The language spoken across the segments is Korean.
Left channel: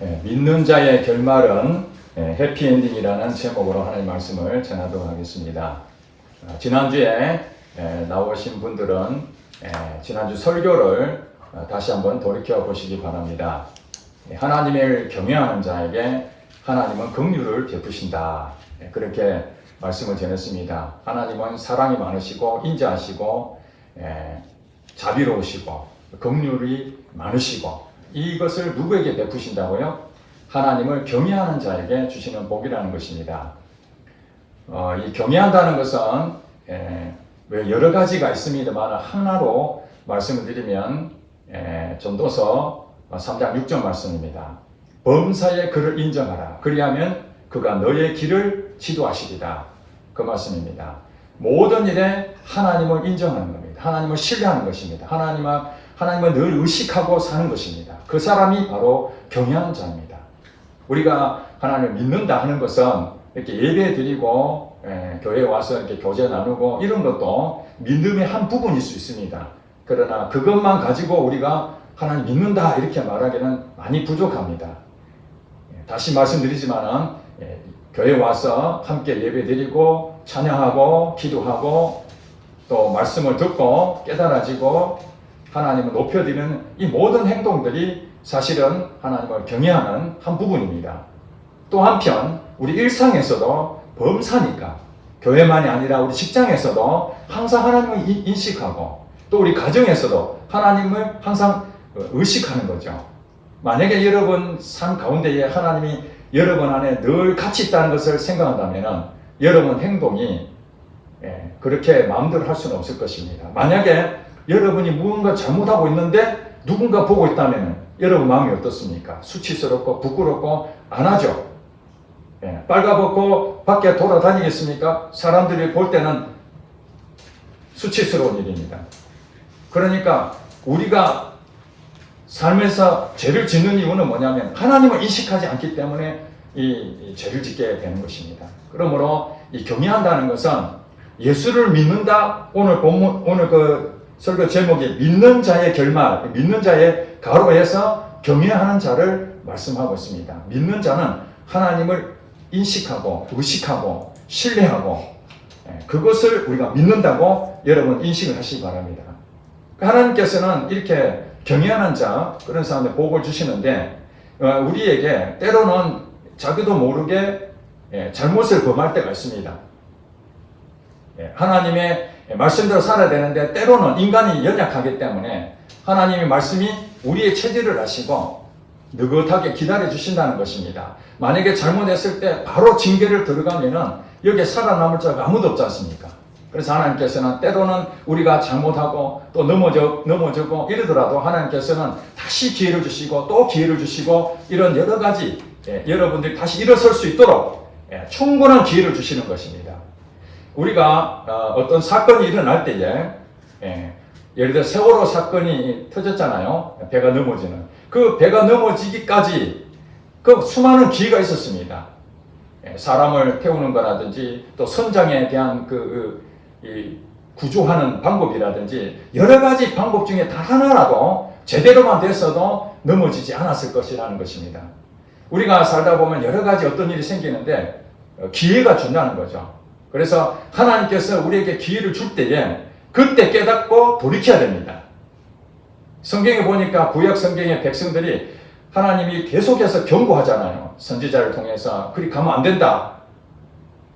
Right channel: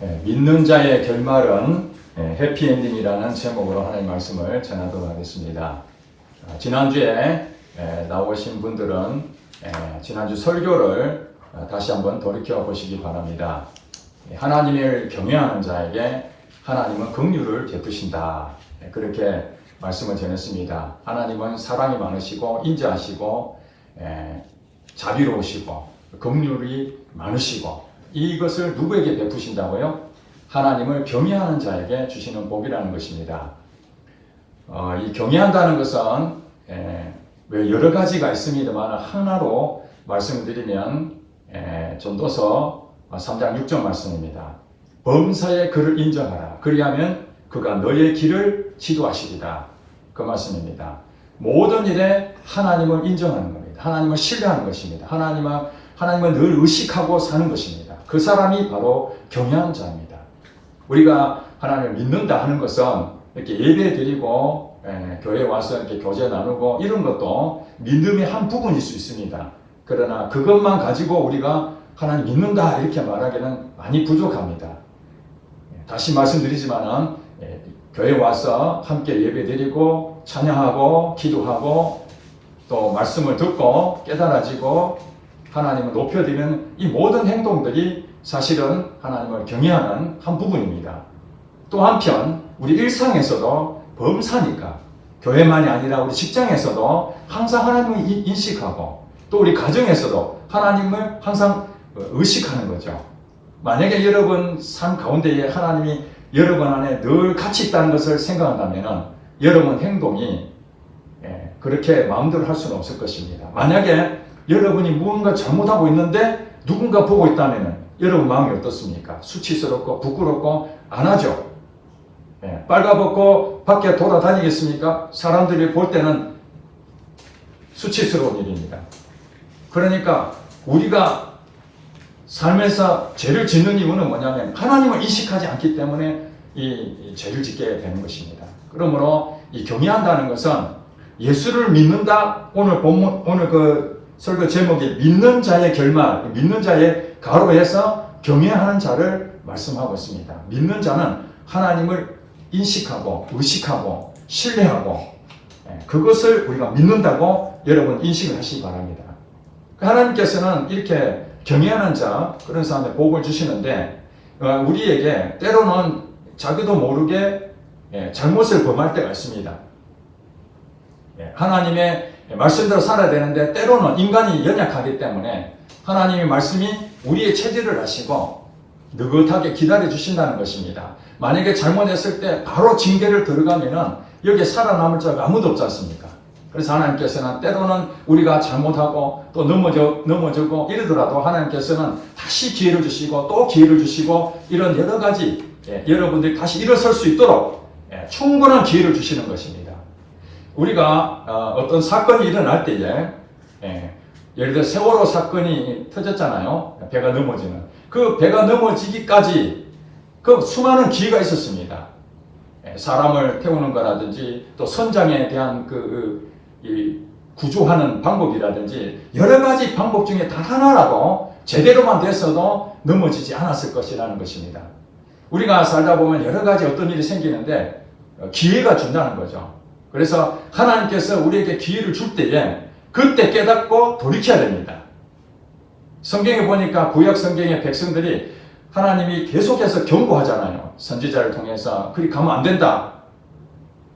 믿는 자의 결말은 해피엔딩이라는 제목으로 하나님의 말씀을 전하도록 하겠습니다. 지난주에 나오신 분들은 지난주 설교를 다시 한번 돌이켜 보시기 바랍니다. 하나님을 경외하는 자에게 하나님은 긍휼을 베푸신다. 그렇게 말씀을 전했습니다. 하나님은 사랑이 많으시고 인자하시고 자비로우시고 긍휼이 많으시고 이것을 누구에게 베푸신다고요? 하나님을 경외하는 자에게 주시는 복이라는 것입니다. 이 경외한다는 것은 여러 가지가 있습니다만 하나로 말씀을 드리면 전도서 3장 6절 말씀입니다. 범사의 그를 인정하라. 그리하면 그가 너의 길을 지도하시리다. 그 말씀입니다. 모든 일에 하나님을 인정하는 겁니다. 하나님을 신뢰하는 것입니다. 하나님을 늘 의식하고 사는 것입니다. 그 사람이 바로 경외하는 자입니다. 우리가 하나님을 믿는다 하는 것은 이렇게 예배 드리고 교회에 와서 이렇게 교제 나누고 이런 것도 믿음의 한 부분일 수 있습니다. 그러나 그것만 가지고 우리가 하나님 믿는다 이렇게 말하기는 많이 부족합니다. 다시 말씀드리지만은 교회에 와서 함께 예배 드리고 찬양하고 기도하고 또 말씀을 듣고 깨달아지고 하나님을 높여드리는 이 모든 행동들이 사실은 하나님을 경외하는 한 부분입니다. 또 한편 우리 일상에서도 범사니까 교회만이 아니라 우리 직장에서도 항상 하나님을 인식하고 또 우리 가정에서도 하나님을 항상 의식하는 거죠. 만약에 여러분 삶 가운데에 하나님이 여러분 안에 늘 같이 있다는 것을 생각한다면 여러분 행동이 그렇게 마음대로 할 수는 없을 것입니다. 만약에 여러분이 무언가 잘못하고 있는데 누군가 보고 있다면 여러분 마음이 어떻습니까? 수치스럽고 부끄럽고 안 하죠. 빨가벗고 밖에 돌아다니겠습니까? 사람들이 볼 때는 수치스러운 일입니다. 그러니까 우리가 삶에서 죄를 짓는 이유는 뭐냐면 하나님을 인식하지 않기 때문에 이 죄를 짓게 되는 것입니다. 그러므로 이 경외한다는 것은 예수를 믿는다. 오늘 그 설교 제목이 믿는 자의 결말, 믿는 자의 가로에서 경외하는 자를 말씀하고 있습니다. 믿는 자는 하나님을 인식하고 의식하고 신뢰하고 그것을 우리가 믿는다고 여러분 인식을 하시기 바랍니다. 하나님께서는 이렇게 경외하는 자 그런 사람한테 복을 주시는데 우리에게 때로는 자기도 모르게 잘못을 범할 때가 있습니다. 하나님의 말씀대로 살아야 되는데 때로는 인간이 연약하기 때문에 하나님의 말씀이 우리의 체질을 아시고 느긋하게 기다려 주신다는 것입니다. 만약에 잘못했을 때 바로 징계를 들어가면은 여기에 살아남을 자가 아무도 없지 않습니까? 그래서 하나님께서는 때로는 우리가 잘못하고 또 넘어지고 이러더라도 하나님께서는 다시 기회를 주시고 또 기회를 주시고 이런 여러 가지 여러분들이 다시 일어설 수 있도록 충분한 기회를 주시는 것입니다. 우리가 어떤 사건이 일어날 때에 예를 들어 세월호 사건이 터졌잖아요. 배가 넘어지는. 그 배가 넘어지기까지 그 수많은 기회가 있었습니다. 사람을 태우는 거라든지 또 선장에 대한 구조하는 방법이라든지 여러 가지 방법 중에 단 하나라도 제대로만 됐어도 넘어지지 않았을 것이라는 것입니다. 우리가 살다 보면 여러 가지 어떤 일이 생기는데 기회가 준다는 거죠. 그래서 하나님께서 우리에게 기회를 줄 때에 그때 깨닫고 돌이켜야 됩니다. 성경에 보니까 구약 성경의 백성들이 하나님이 계속해서 경고하잖아요. 선지자를 통해서 그리 가면 안 된다.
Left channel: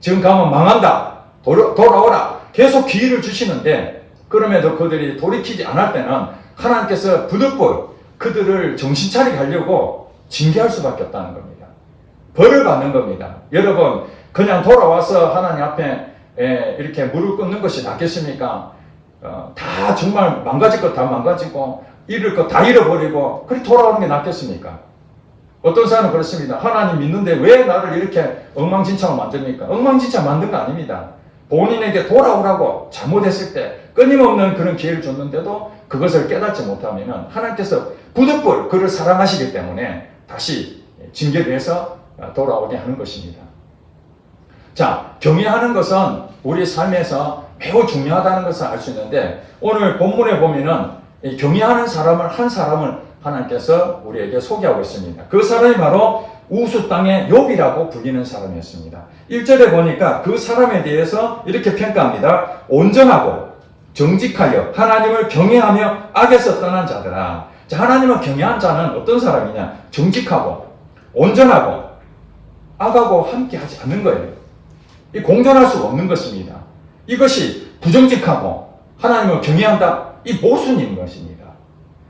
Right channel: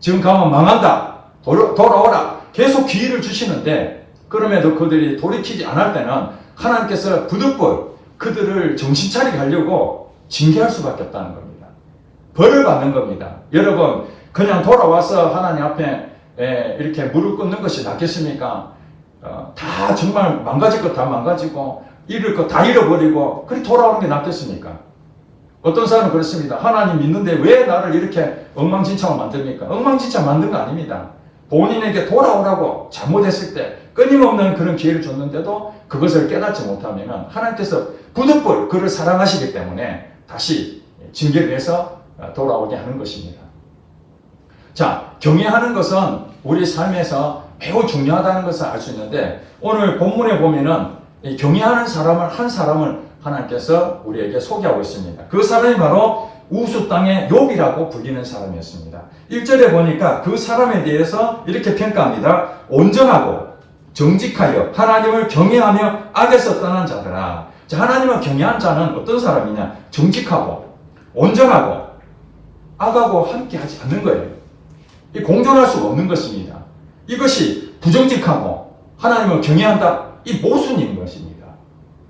지금 가면 망한다. 돌아오라. 계속 기회를 주시는데 그럼에도 그들이 돌이키지 않을 때는 하나님께서 부득불 그들을 정신 차리게 하려고 징계할 수밖에 없다는 겁니다. 벌을 받는 겁니다. 여러분 그냥 돌아와서 하나님 앞에 이렇게 무릎 꿇는 것이 낫겠습니까? 다 정말 망가질 것 다 망가지고 잃을 것 다 잃어버리고 그리 돌아오는 게 낫겠습니까? 어떤 사람은 그렇습니다. 하나님 믿는데 왜 나를 이렇게 엉망진창으로 만듭니까? 엉망진창 만든 거 아닙니다. 본인에게 돌아오라고 잘못했을 때 끊임없는 그런 기회를 줬는데도 그것을 깨닫지 못하면 하나님께서 부득불 그를 사랑하시기 때문에 다시 징계를 해서 돌아오게 하는 것입니다. 자, 경외하는 것은 우리 삶에서 매우 중요하다는 것을 알 수 있는데 오늘 본문에 보면은 경외하는 사람을 한 사람을 하나님께서 우리에게 소개하고 있습니다. 그 사람이 바로 우수 땅의 욥이라고 불리는 사람이었습니다. 1절에 보니까 그 사람에 대해서 이렇게 평가합니다. 온전하고 정직하여 하나님을 경외하며 악에서 떠난 자들아. 자, 하나님을 경외한 자는 어떤 사람이냐? 정직하고 온전하고 악하고 함께 하지 않는 거예요. 이 공존할 수가 없는 것입니다. 이것이 부정직하고 하나님을 경외한다, 이 모순인 것입니다.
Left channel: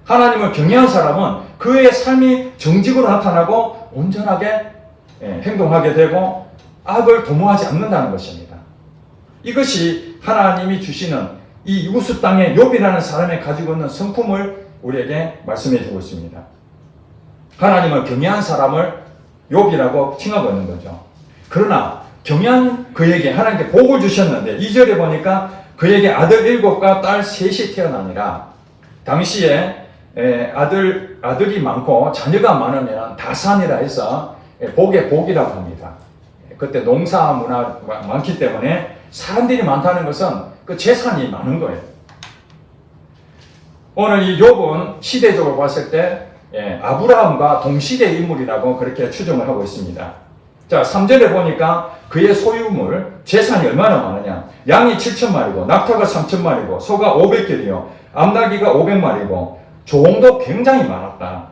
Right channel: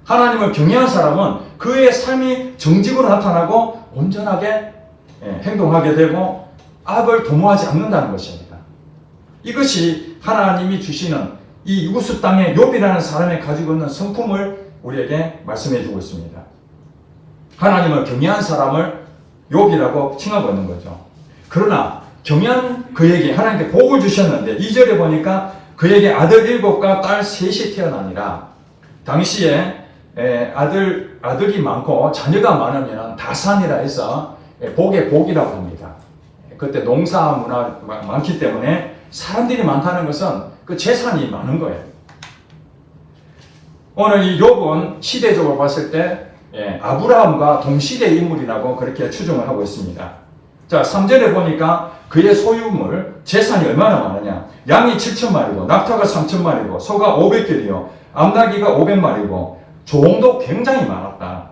하나님을 경외한 사람은 그의 삶이 정직으로 나타나고 온전하게 행동하게 되고 악을 도모하지 않는다는 것입니다. 이것이 하나님이 주시는 이 우수 땅의 욥이라는 사람이 가지고 있는 성품을 우리에게 말씀해 주고 있습니다. 하나님을 경외한 사람을 욥이라고 칭하고 있는 거죠. 그러나 경외한 그에게 하나님께 복을 주셨는데 2절에 보니까 그에게 아들 7과 딸 3이 태어나니라. 당시에 아들이 많고 자녀가 많으면 다산이라 해서 복의 복이라고 합니다. 그때 농사 문화 많기 때문에 사람들이 많다는 것은 그 재산이 많은 거예요. 오늘 이 욥은 시대적으로 봤을 때 아브라함과 동시대 인물이라고 그렇게 추정을 하고 있습니다. 자, 3절에 보니까 그의 소유물, 재산이 얼마나 많으냐. 양이 7,000마리고 낙타가 3,000마리고 소가 500개이요 암나귀가 500마리고 종도 굉장히 많았다.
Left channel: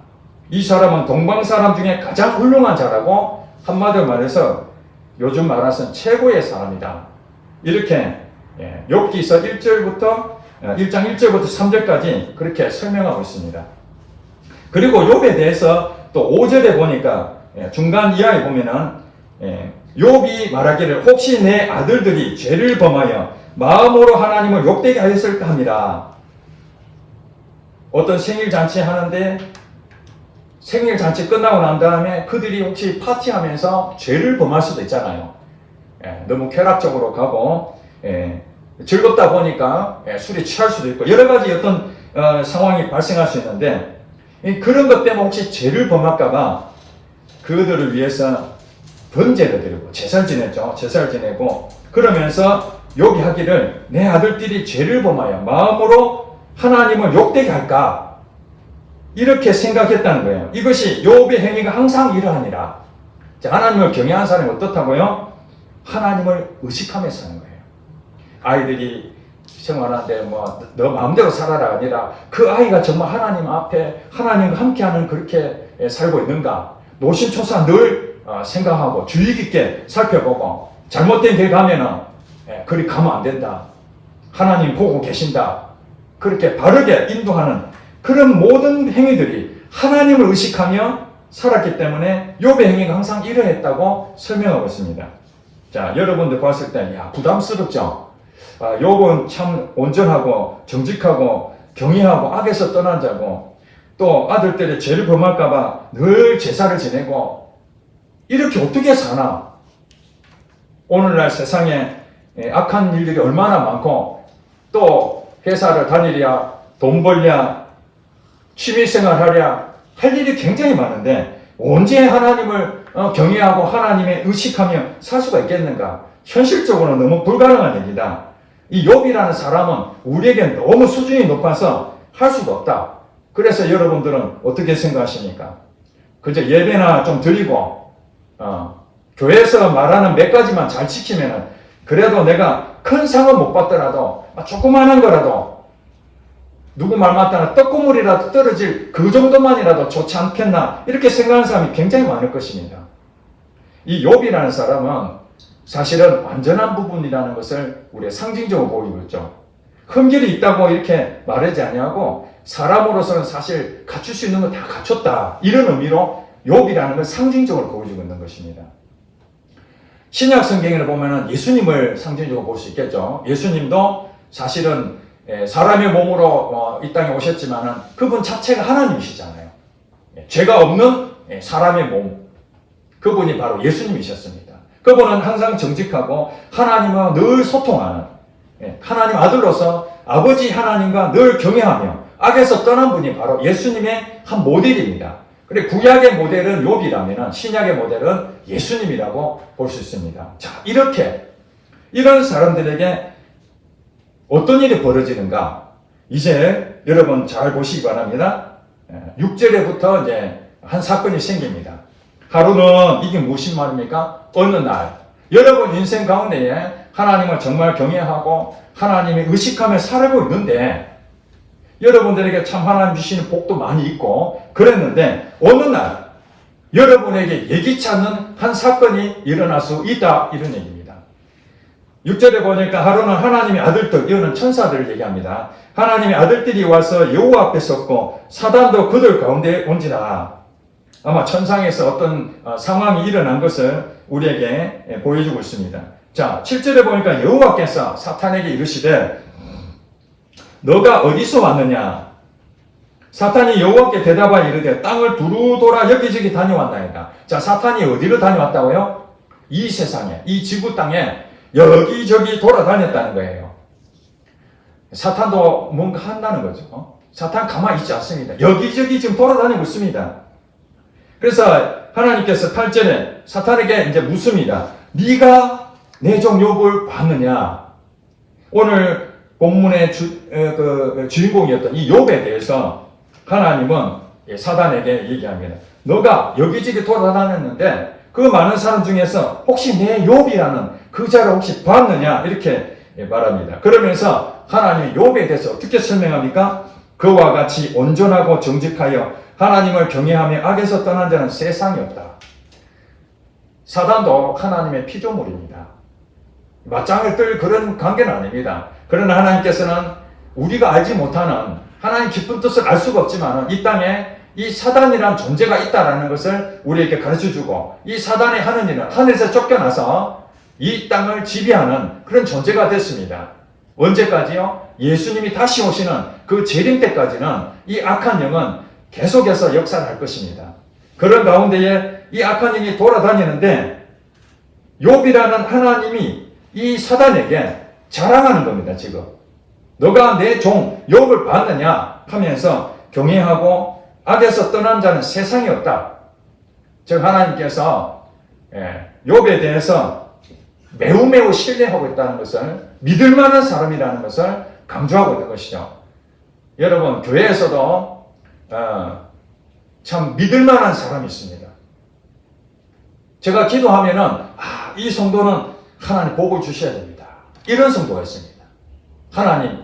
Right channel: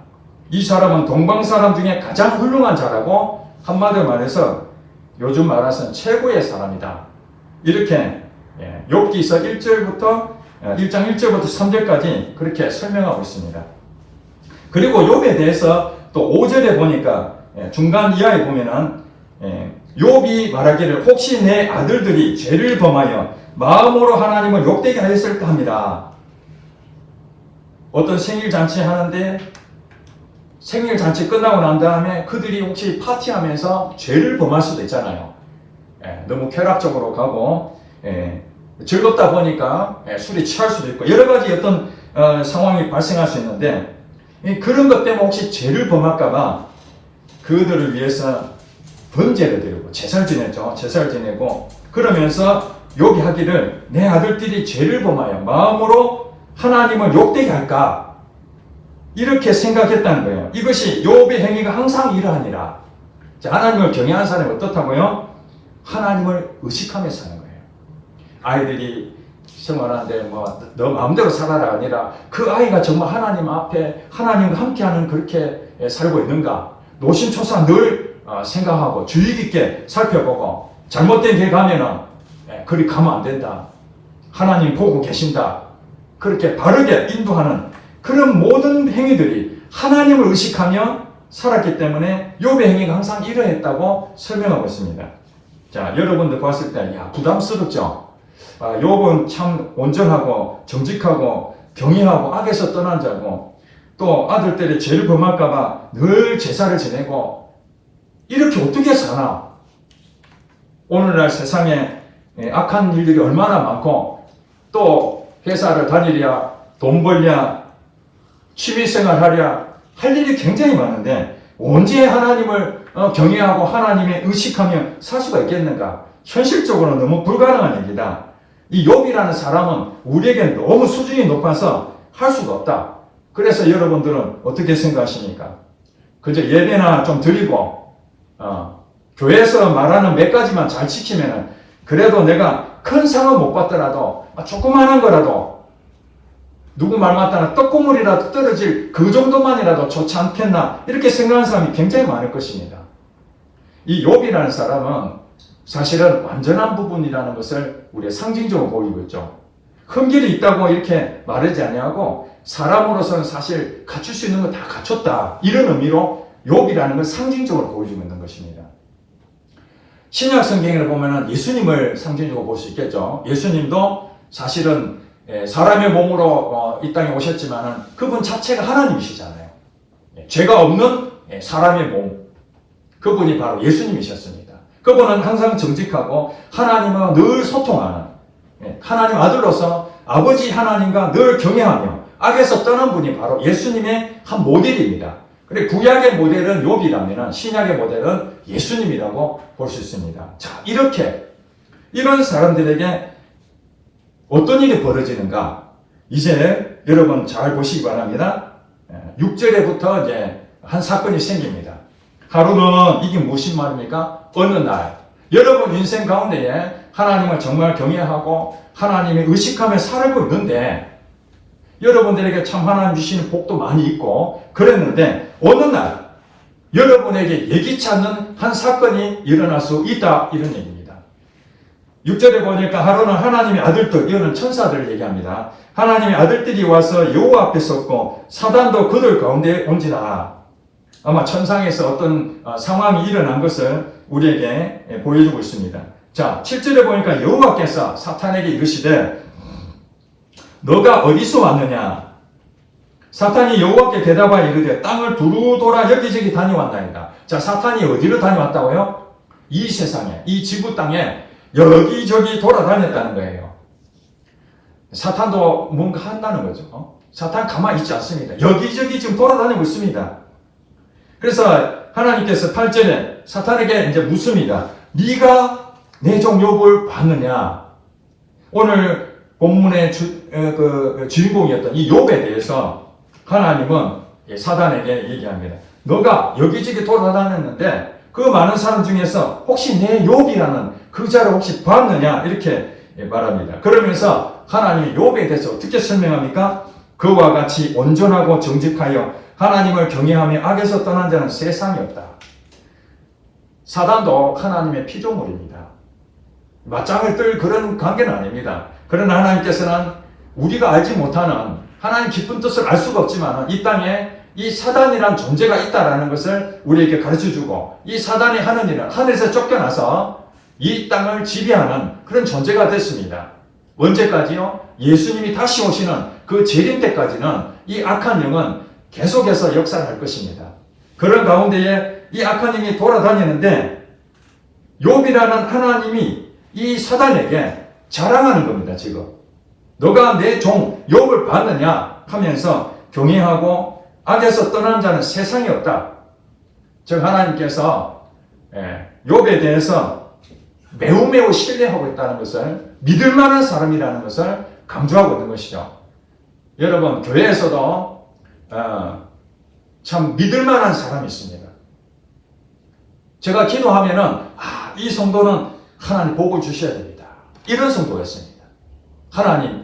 이 사람은 동방 사람 중에 가장 훌륭한 자라고 한마디로 말해서 요즘 말해서는 최고의 사람이다. 이렇게 욥기서 1장 1절부터 3절까지 그렇게 설명하고 있습니다. 그리고 욥에 대해서 또 5절에 보니까 중간 이하에 보면은 욥이 말하기를 혹시 내 아들들이 죄를 범하여 마음으로 하나님을 욕되게 하였을까 합니다. 어떤 생일잔치 하는데 생일잔치 끝나고 난 다음에 그들이 혹시 파티하면서 죄를 범할 수도 있잖아요. 너무 쾌락적으로 가고 즐겁다 보니까 술에 취할 수도 있고 여러 가지 어떤 상황이 발생할 수 있는데 그런 것 때문에 혹시 죄를 범할까봐 그들을 위해서 번제를 드리고 제사를 지냈죠. 제사를 지내고 그러면서 욥이 하기를 내 아들들이 죄를 범하여 마음으로 하나님을 욕되게 할까 이렇게 생각했다는 거예요. 이것이 욥의 행위가 항상 이러하니라. 하나님을 경외하는 사람이 어떻다고요? 하나님을 의식하며 사는 거예요. 아이들이 생활하는데 너 마음대로 살아라 아니라 그 아이가 정말 하나님 앞에 하나님과 함께하는 그렇게 살고 있는가? 노심초사 늘 생각하고 주의 깊게 살펴보고 잘못된 길 가면은 그리 가면 안 된다. 하나님 보고 계신다. 그렇게 바르게 인도하는 그런 모든 행위들이 하나님을 의식하며 살았기 때문에 욥의 행위가 항상 이러했다고 설명하고 있습니다. 자, 여러분들 봤을 때 부담스럽죠? 욥은 참 온전하고 정직하고 경외하고 악에서 떠난 자고 또 아들들의 죄를 범할까봐 늘 제사를 지내고 이렇게 어떻게 사나? 오늘날 세상에 악한 일들이 얼마나 많고 또 회사를 다니랴 돈 벌랴 취미생활 하랴 할 일이 굉장히 많은데 언제 하나님을 경외하고 하나님의 의식하며 살 수가 있겠는가? 현실적으로 너무 불가능한 얘기다. 이 욥이라는 사람은 우리에게 너무 수준이 높아서 할 수가 없다. 그래서 여러분들은 어떻게 생각하십니까? 그저 예배나 좀 드리고 교회에서 말하는 몇 가지만 잘 지키면은 그래도 내가 큰 상은 못 받더라도 조그마한 거라도 누구 말 맞다나 떡고물이라도 떨어질 그 정도만이라도 좋지 않겠나 이렇게 생각하는 사람이 굉장히 많을 것입니다. 이 욥이라는 사람은 사실은 완전한 부분이라는 것을 우리가 상징적으로 보이고 있죠. 흠결이 있다고 이렇게 말하지 아니하고 사람으로서는 사실 갖출 수 있는 건 다 갖췄다. 이런 의미로 욥이라는 걸 상징적으로 보여주고 있는 것입니다. 신약 성경을 보면은 예수님을 상징적으로 볼 수 있겠죠. 예수님도 사실은 사람의 몸으로 이 땅에 오셨지만은 그분 자체가 하나님이시잖아요. 죄가 없는 사람의 몸. 그분이 바로 예수님이셨습니다. 그분은 항상 정직하고 하나님과 늘 소통하는 하나님 아들로서 아버지 하나님과 늘 경외하며 악에서 떠난 분이 바로 예수님의 한 모델입니다. 그리고 구약의 모델은 욥이라면 신약의 모델은 예수님이라고 볼 수 있습니다. 자, 이렇게 이런 사람들에게 어떤 일이 벌어지는가? 이제 여러분 잘 보시기 바랍니다. 6절에부터 이제 한 사건이 생깁니다. 하루는 이게 무슨 말입니까? 어느 날 여러분 인생 가운데에 하나님을 정말 경외하고 하나님을 의식하며 살고 있는데 여러분들에게 참 하나님 주시는 복도 많이 있고 그랬는데 어느 날 여러분에게 예기치 않는 한 사건이 일어날 수 있다 이런 얘기입니다. 6절에 보니까 하루는 하나님의 아들들, 이거는 천사들을 얘기합니다. 하나님의 아들들이 와서 여호와 앞에 섰고 사단도 그들 가운데 온지라. 아마 천상에서 어떤 상황이 일어난 것을 우리에게 보여주고 있습니다. 자, 7절에 보니까 여호와께서 사탄에게 이르시되 너가 어디서 왔느냐? 사탄이 여호와께 대답하여 이르되 땅을 두루 돌아 여기저기 다녀왔나이다. 자, 사탄이 어디로 다녀왔다고요? 이 세상에, 이 지구 땅에 여기저기 돌아다녔다는 거예요. 사탄도 뭔가 한다는 거죠. 사탄 가만히 있지 않습니다. 여기저기 지금 돌아다니고 있습니다. 그래서 하나님께서 8절에 사탄에게 이제 묻습니다. 네가 내 종 욥을 봤느냐? 오늘 본문의 주인공이었던 이 욥에 대해서 하나님은 사단에게 얘기합니다. 너가 여기저기 돌아다녔는데 그 많은 사람 중에서 혹시 내 욥이라는 그 자를 혹시 봤느냐? 이렇게 말합니다. 그러면서 하나님이 욥에 대해서 어떻게 설명합니까? 그와 같이 온전하고 정직하여 하나님을 경외하며 악에서 떠난 자는 세상이 없다. 사단도 하나님의 피조물입니다. 맞짱을 뜰 그런 관계는 아닙니다. 그러나 하나님께서는 우리가 알지 못하는 하나님 깊은 뜻을 알 수가 없지만 이 땅에 이 사단이란 존재가 있다는 것을 우리에게 가르쳐주고 이 사단이 하는 일은 하늘에서 쫓겨나서 이 땅을 지배하는 그런 존재가 됐습니다. 언제까지요? 예수님이 다시 오시는 그 재림 때까지는 이 악한 영은 계속해서 역사를 할 것입니다. 그런 가운데에 이 악한 영이 돌아다니는데 욥이라는 하나님이 이 사단에게 자랑하는 겁니다. 지금 너가 내 종 욥을 봤느냐 하면서 경외하고 악에서 떠난 자는 세상이 없다. 즉 하나님께서 욥에 대해서 매우 신뢰하고 있다는 것을 믿을 만한 사람이라는 것을 강조하고 있는 것이죠. 여러분 교회에서도 참 믿을 만한 사람이 있습니다. 제가 기도하면은 이 성도는 하나님 복을 주셔야 됩니다. 이런 성도가 있습니다. 하나님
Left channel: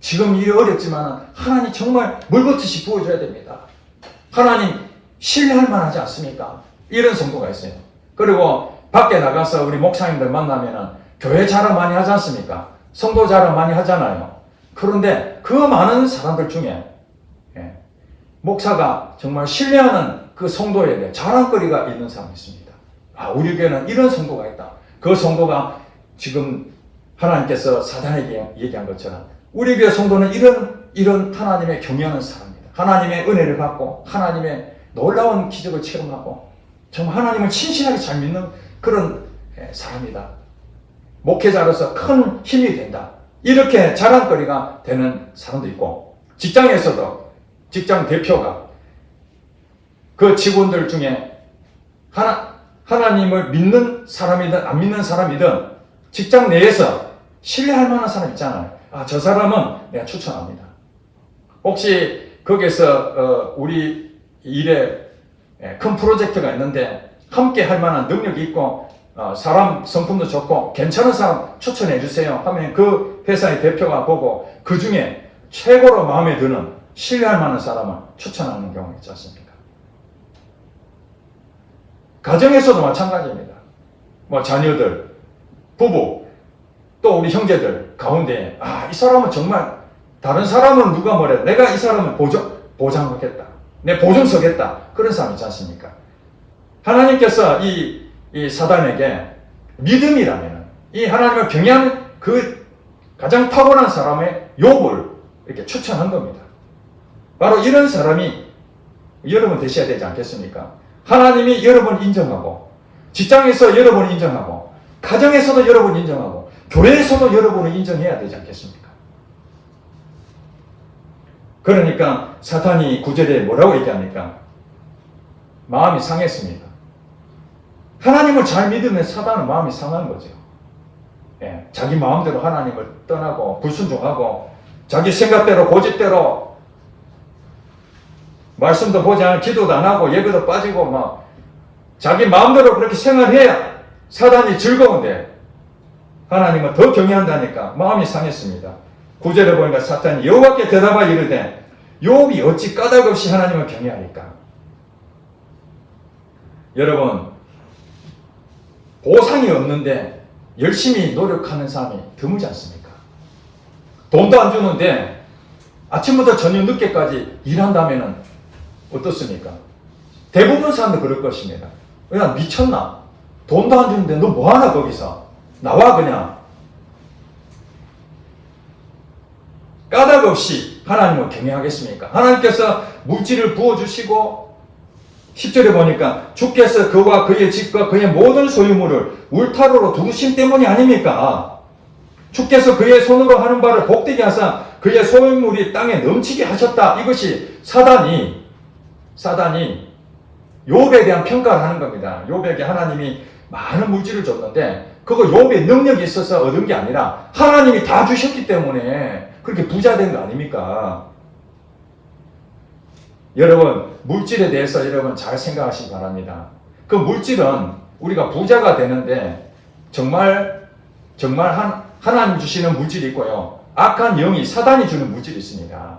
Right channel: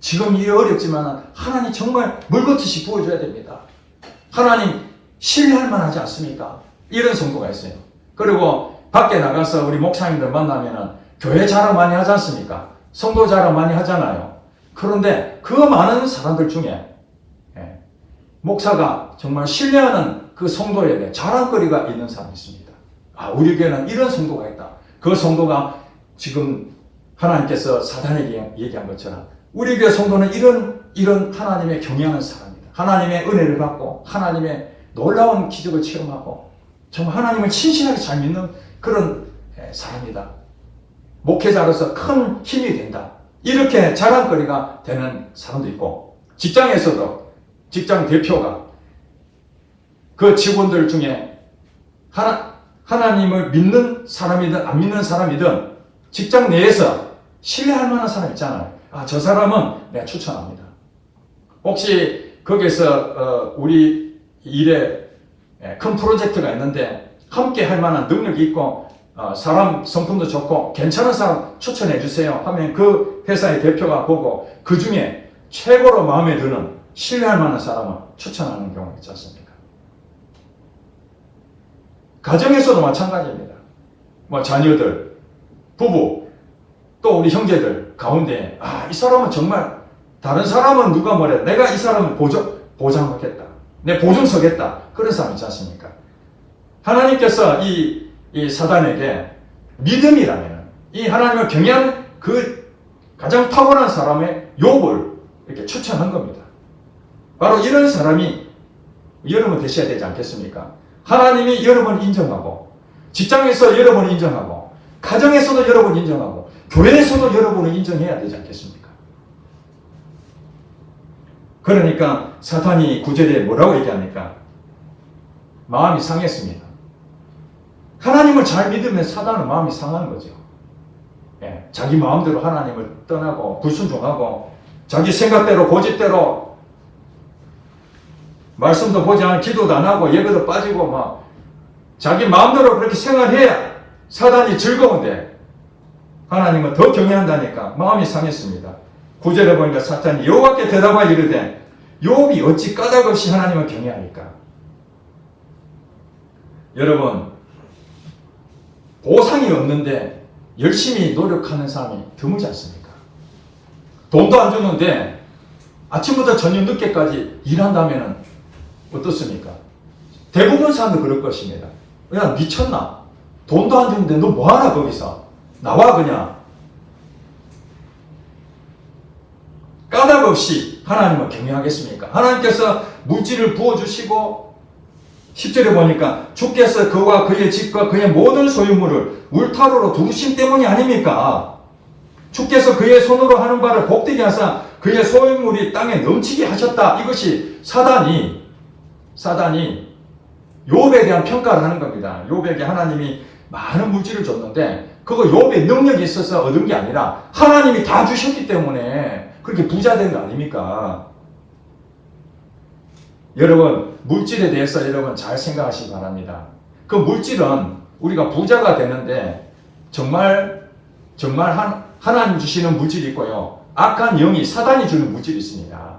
지금 일이 어렵지만 하나님 정말 물붓듯이 부어줘야 됩니다. 하나님 신뢰할 만하지 않습니까? 이런 성도가 있어요. 그리고 밖에 나가서 우리 목사님들 만나면은 교회 자랑 많이 하지 않습니까? 성도 자랑 많이 하잖아요. 그런데 그 많은 사람들 중에 목사가 정말 신뢰하는 그 성도에게 자랑거리가 있는 사람이 있습니다. 우리 교회는 이런 성도가 있다. 그 성도가 지금 하나님께서 사단에게 얘기한 것처럼 우리 교회 성도는 이런 하나님의 경외하는 사람입니다. 하나님의 은혜를 받고 하나님의 놀라운 기적을 체험하고 정말 하나님을 신실하게 잘 믿는 그런 사람이다. 목회자로서 큰 힘이 된다. 이렇게 자랑거리가 되는 사람도 있고 직장에서도 직장 대표가 그 직원들 중에 하나님을 믿는 사람이든 안 믿는 사람이든 직장 내에서 신뢰할 만한 사람 있잖아요. 저 사람은 내가 추천합니다. 혹시 거기에서 우리 일에 큰 프로젝트가 있는데 함께 할 만한 능력이 있고 사람 성품도 좋고 괜찮은 사람 추천해 주세요 하면 그 회사의 대표가 보고 그 중에 최고로 마음에 드는 신뢰할 만한 사람을 추천하는 경우가 있지 않습니까? 가정에서도 마찬가지입니다. 자녀들, 부부, 또 우리 형제들 가운데 이 사람은 정말 다른 사람은 누가 뭐래 내가 이 사람을 보장하겠다. 내 보증 서겠다. 그런 사람 있지 않습니까? 하나님께서 이 사단에게 믿음이라면 이 하나님을 경외하는 그 가장 탁월한 사람의 욥을 이렇게 추천한 겁니다. 바로 이런 사람이 여러분 되셔야 되지 않겠습니까? 하나님이 여러분 인정하고 직장에서 여러분 인정하고 가정에서도 여러분 인정하고 교회에서도 여러분을 인정해야 되지 않겠습니까? 그러니까 사탄이 9절에 뭐라고 얘기합니까? 마음이 상했습니다. 하나님을 잘 믿으면 사단은 마음이 상하는 거죠. 자기 마음대로 하나님을 떠나고 불순종하고 자기 생각대로 고집대로 말씀도 보지 않고 기도도 안 하고 예배도 빠지고 막 자기 마음대로 그렇게 생활해야 사단이 즐거운데 하나님은 더 경외한다니까 마음이 상했습니다. 9절에 보니까 사탄이 여호와께 대답하여 이르되 욥이 어찌 까닭없이 하나님을 경외하니까. 여러분, 보상이 없는데 열심히 노력하는 사람이 드물지 않습니까? 돈도 안 주는데 아침부터 저녁 늦게까지 일한다면 어떻습니까? 대부분 사람들 그럴 것입니다. 그냥 미쳤나? 돈도 안 주는데 너 뭐하나 거기서? 나와 그냥. 까닭 없이 하나님을 경외하겠습니까? 하나님께서 물질을 부어주시고 10절에 보니까 주께서 그와 그의 집과 그의 모든 소유물을 울타로로 두신 때문이 아닙니까? 주께서 그의 손으로 하는 바를 복되게 하사 그의 소유물이 땅에 넘치게 하셨다. 이것이 사단이 욥에 대한 평가를 하는 겁니다. 욥에게 하나님이 많은 물질을 줬는데 그거 욥의 능력이 있어서 얻은 게 아니라 하나님이 다 주셨기 때문에 그렇게 부자 된 거 아닙니까? 여러분, 물질에 대해서 여러분 잘 생각하시기 바랍니다. 그 물질은 우리가 부자가 되는데 정말 하나님 주시는 물질이 있고요. 악한 영이 사단이 주는 물질이 있습니다.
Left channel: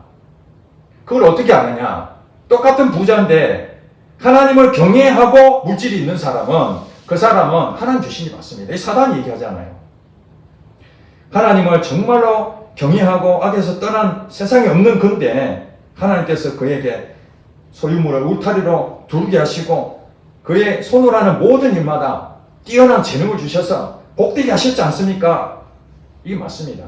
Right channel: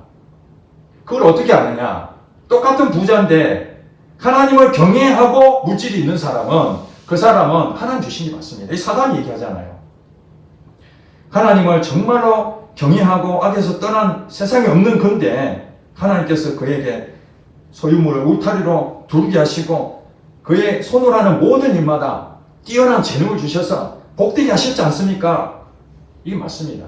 그걸 어떻게 아느냐? 똑같은 부자인데 하나님을 경외하고 물질이 있는 사람은 그 사람은 하나님 주신 게 맞습니다. 이 사단이 얘기하잖아요. 하나님을 정말로 경외하고 악에서 떠난 세상에 없는 건데 하나님께서 그에게 소유물을 울타리로 두르게 하시고 그의 손으로 하는 모든 일마다 뛰어난 재능을 주셔서 복되게 하셨지 않습니까? 이게 맞습니다.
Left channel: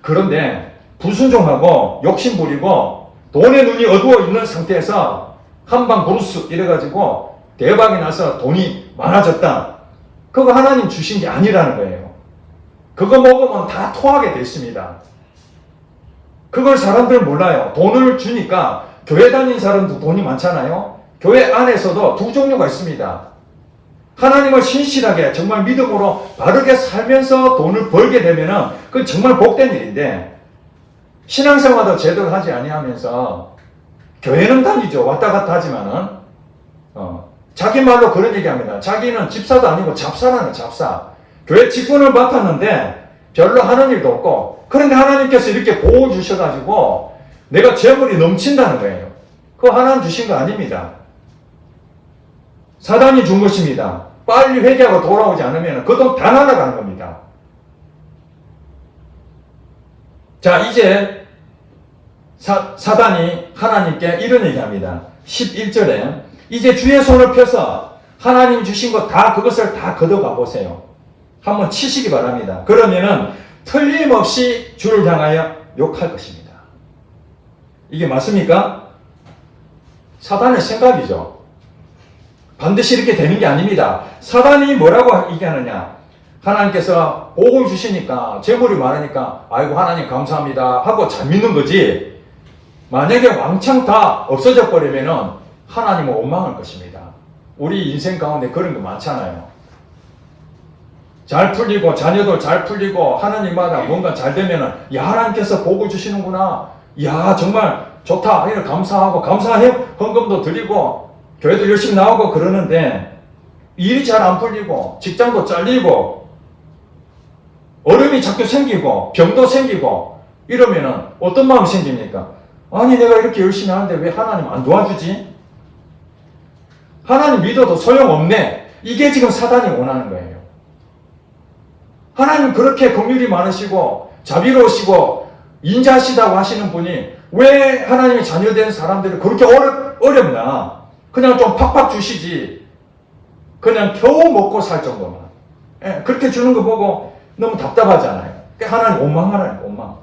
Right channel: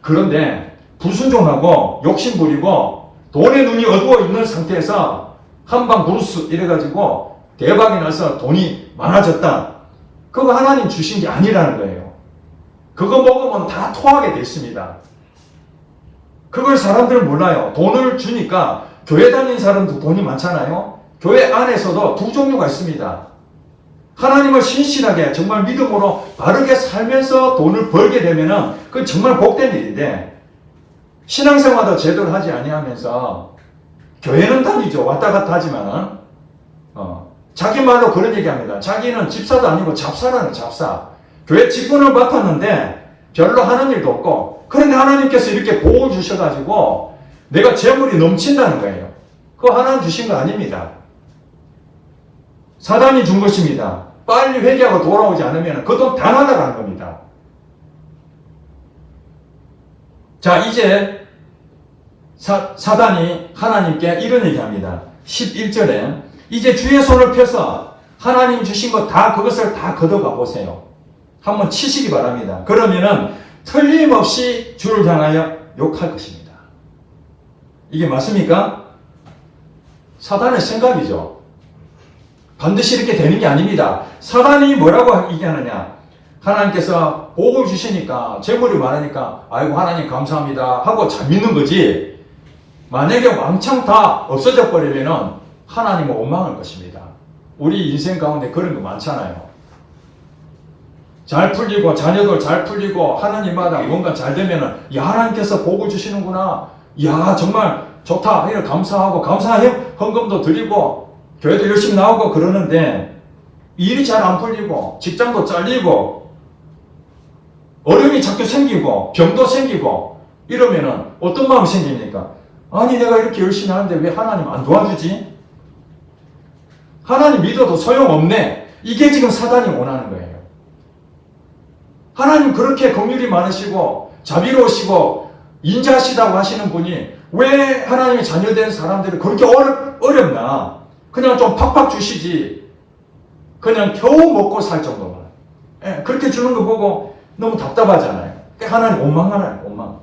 그런데 불순종하고 욕심부리고 돈의 눈이 어두워 있는 상태에서 한방 브루스 이래가지고 대박이 나서 돈이 많아졌다. 그거 하나님 주신 게 아니라는 거예요. 그거 먹으면 다 토하게 돼 있습니다. 그걸 사람들 몰라요. 돈을 주니까 교회 다니는 사람도 돈이 많잖아요. 교회 안에서도 두 종류가 있습니다. 하나님을 신실하게 정말 믿음으로 바르게 살면서 돈을 벌게 되면은 그건 정말 복된 일인데 신앙생활도 제대로 하지 아니하면서 교회는 다니죠. 왔다 갔다 하지만은 자기 말로 그런 얘기합니다. 자기는 집사도 아니고 잡사라는 잡사. 교회 직분을 맡았는데 별로 하는 일도 없고 그런데 하나님께서 이렇게 보호 주셔가지고 내가 재물이 넘친다는 거예요. 그거 하나님 주신 거 아닙니다. 사단이 준 것입니다. 빨리 회개하고 돌아오지 않으면 그 돈 다 날아가는 겁니다. 자, 이제 사단이 하나님께 이런 얘기합니다. 11절에 이제 주의 손을 펴서 하나님 주신 것 다 그것을 다 걷어가 보세요. 한번 치시기 바랍니다. 그러면은 틀림없이 주를 향하여 욕할 것입니다. 이게 맞습니까? 사단의 생각이죠. 반드시 이렇게 되는 게 아닙니다. 사단이 뭐라고 얘기하느냐? 하나님께서 복을 주시니까 재물이 많으니까 아이고 하나님 감사합니다 하고 잘 믿는 거지. 만약에 왕창 다 없어져 버리면은 하나님은 원망할 것입니다. 우리 인생 가운데 그런 거 많잖아요. 잘 풀리고 자녀들 잘 풀리고 하는 일마다 뭔가 잘 되면은 야 하나님께서 복을 주시는구나. 야 정말 좋다. 이렇게 감사하고 감사해요. 헌금도 드리고 교회도 열심히 나오고 그러는데 일이 잘 안 풀리고 직장도 잘리고 어려움이 자꾸 생기고 병도 생기고 이러면은 어떤 마음이 생깁니까? 아니 내가 이렇게 열심히 하는데 왜 하나님 안 도와주지? 하나님 믿어도 소용없네. 이게 지금 사단이 원하는 거예요. 하나님 그렇게 긍휼이 많으시고 자비로우시고 인자하시다고 하시는 분이 왜 하나님의 자녀된 사람들이 그렇게 어렵나? 그냥 좀 팍팍 주시지. 그냥 겨우 먹고 살 정도만. 그렇게 주는 거 보고 너무 답답하잖아요. 하나님 원망하라는 원망.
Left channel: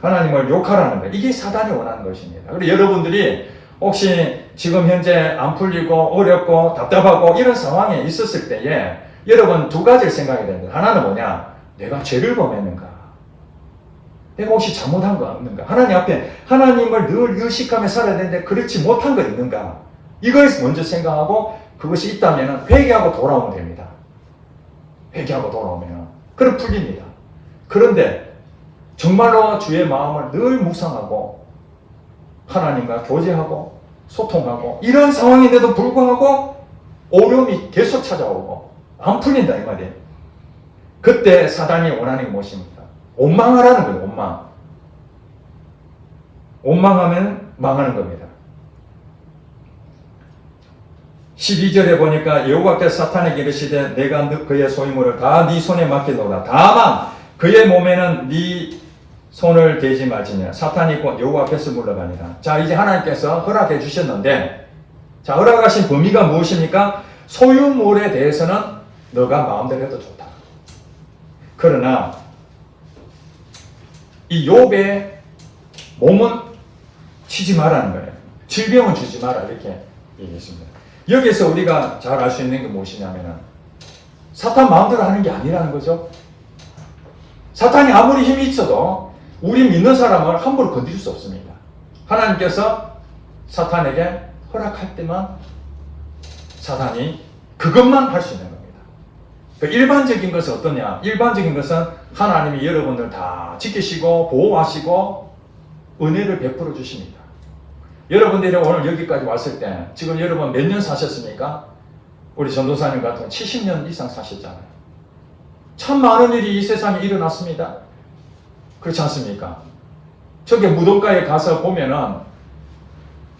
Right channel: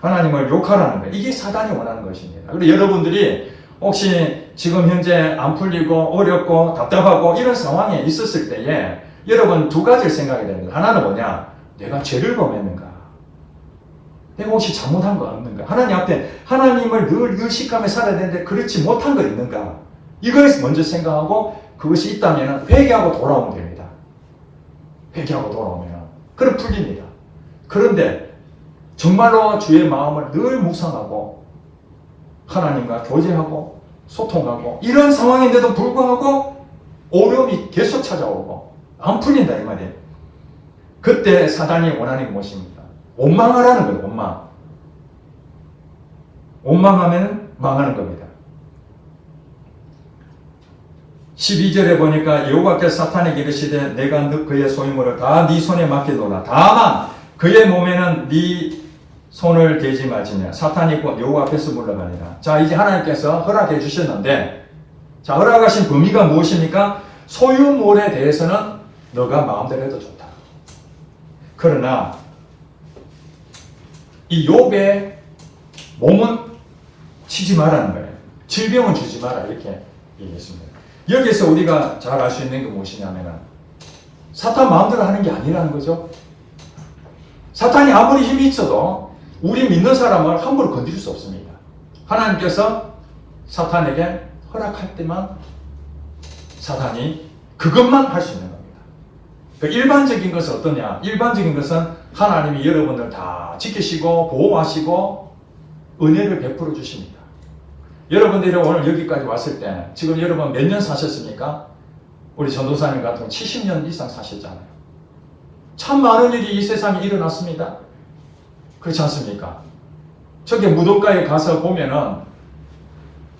하나님을 욕하라는 거예요. 이게 사단이 원하는 것입니다. 그리고 여러분들이 혹시 지금 현재 안 풀리고 어렵고 답답하고 이런 상황에 있었을 때에 여러분 두 가지를 생각해야 됩니다. 하나는 뭐냐? 내가 죄를 범했는가? 내가 혹시 잘못한 거 없는가? 하나님 앞에 하나님을 늘 의식하며 살아야 되는데 그렇지 못한 거 있는가? 이걸 먼저 생각하고 그것이 있다면 회개하고 돌아오면 됩니다. 회개하고 돌아오면 그럼 풀립니다. 그런데 정말로 주의 마음을 늘 묵상하고 하나님과 교제하고 소통하고 이런 상황인데도 불구하고 어려움이 계속 찾아오고 안 풀린다 이 말이에요. 그때 사단이 원하는 게 무엇입니까? 원망하라는 거예요. 원망. 원망하면 망하는 겁니다. 12절에 보니까 여호와께서 사탄에게 이르시되 내가 그의 소유물을 다 네 손에 맡기노라. 다만 그의 몸에는 네 손을 대지 말지냐. 사탄이 여호와 앞에서 물러가니라. 자, 이제 하나님께서 허락해 주셨는데, 자, 허락하신 범위가 무엇입니까? 소유물에 대해서는 너가 마음대로 해도 좋다. 그러나 이 욥의 몸은 치지 말라는 거예요. 질병은 주지 마라 이렇게 얘기했습니다. 여기서 우리가 잘 알 수 있는 게 무엇이냐면은 사탄 마음대로 하는 게 아니라는 거죠. 사탄이 아무리 힘이 있어도 우리 믿는 사람을 함부로 건드릴 수 없습니다. 하나님께서 사탄에게 허락할 때만 사탄이 그것만 할 수 있는 겁니다. 일반적인 것은 어떠냐? 일반적인 것은 하나님이 여러분들 다 지키시고 보호하시고 은혜를 베풀어 주십니다. 여러분들이 오늘 여기까지 왔을 때는 지금 여러분 몇 년 사셨습니까? 우리 전도사님 같은 70년 이상 사셨잖아요. 참 많은 일이 이 세상에 일어났습니다. 그렇지 않습니까? 저기 무덤가에 가서 보면은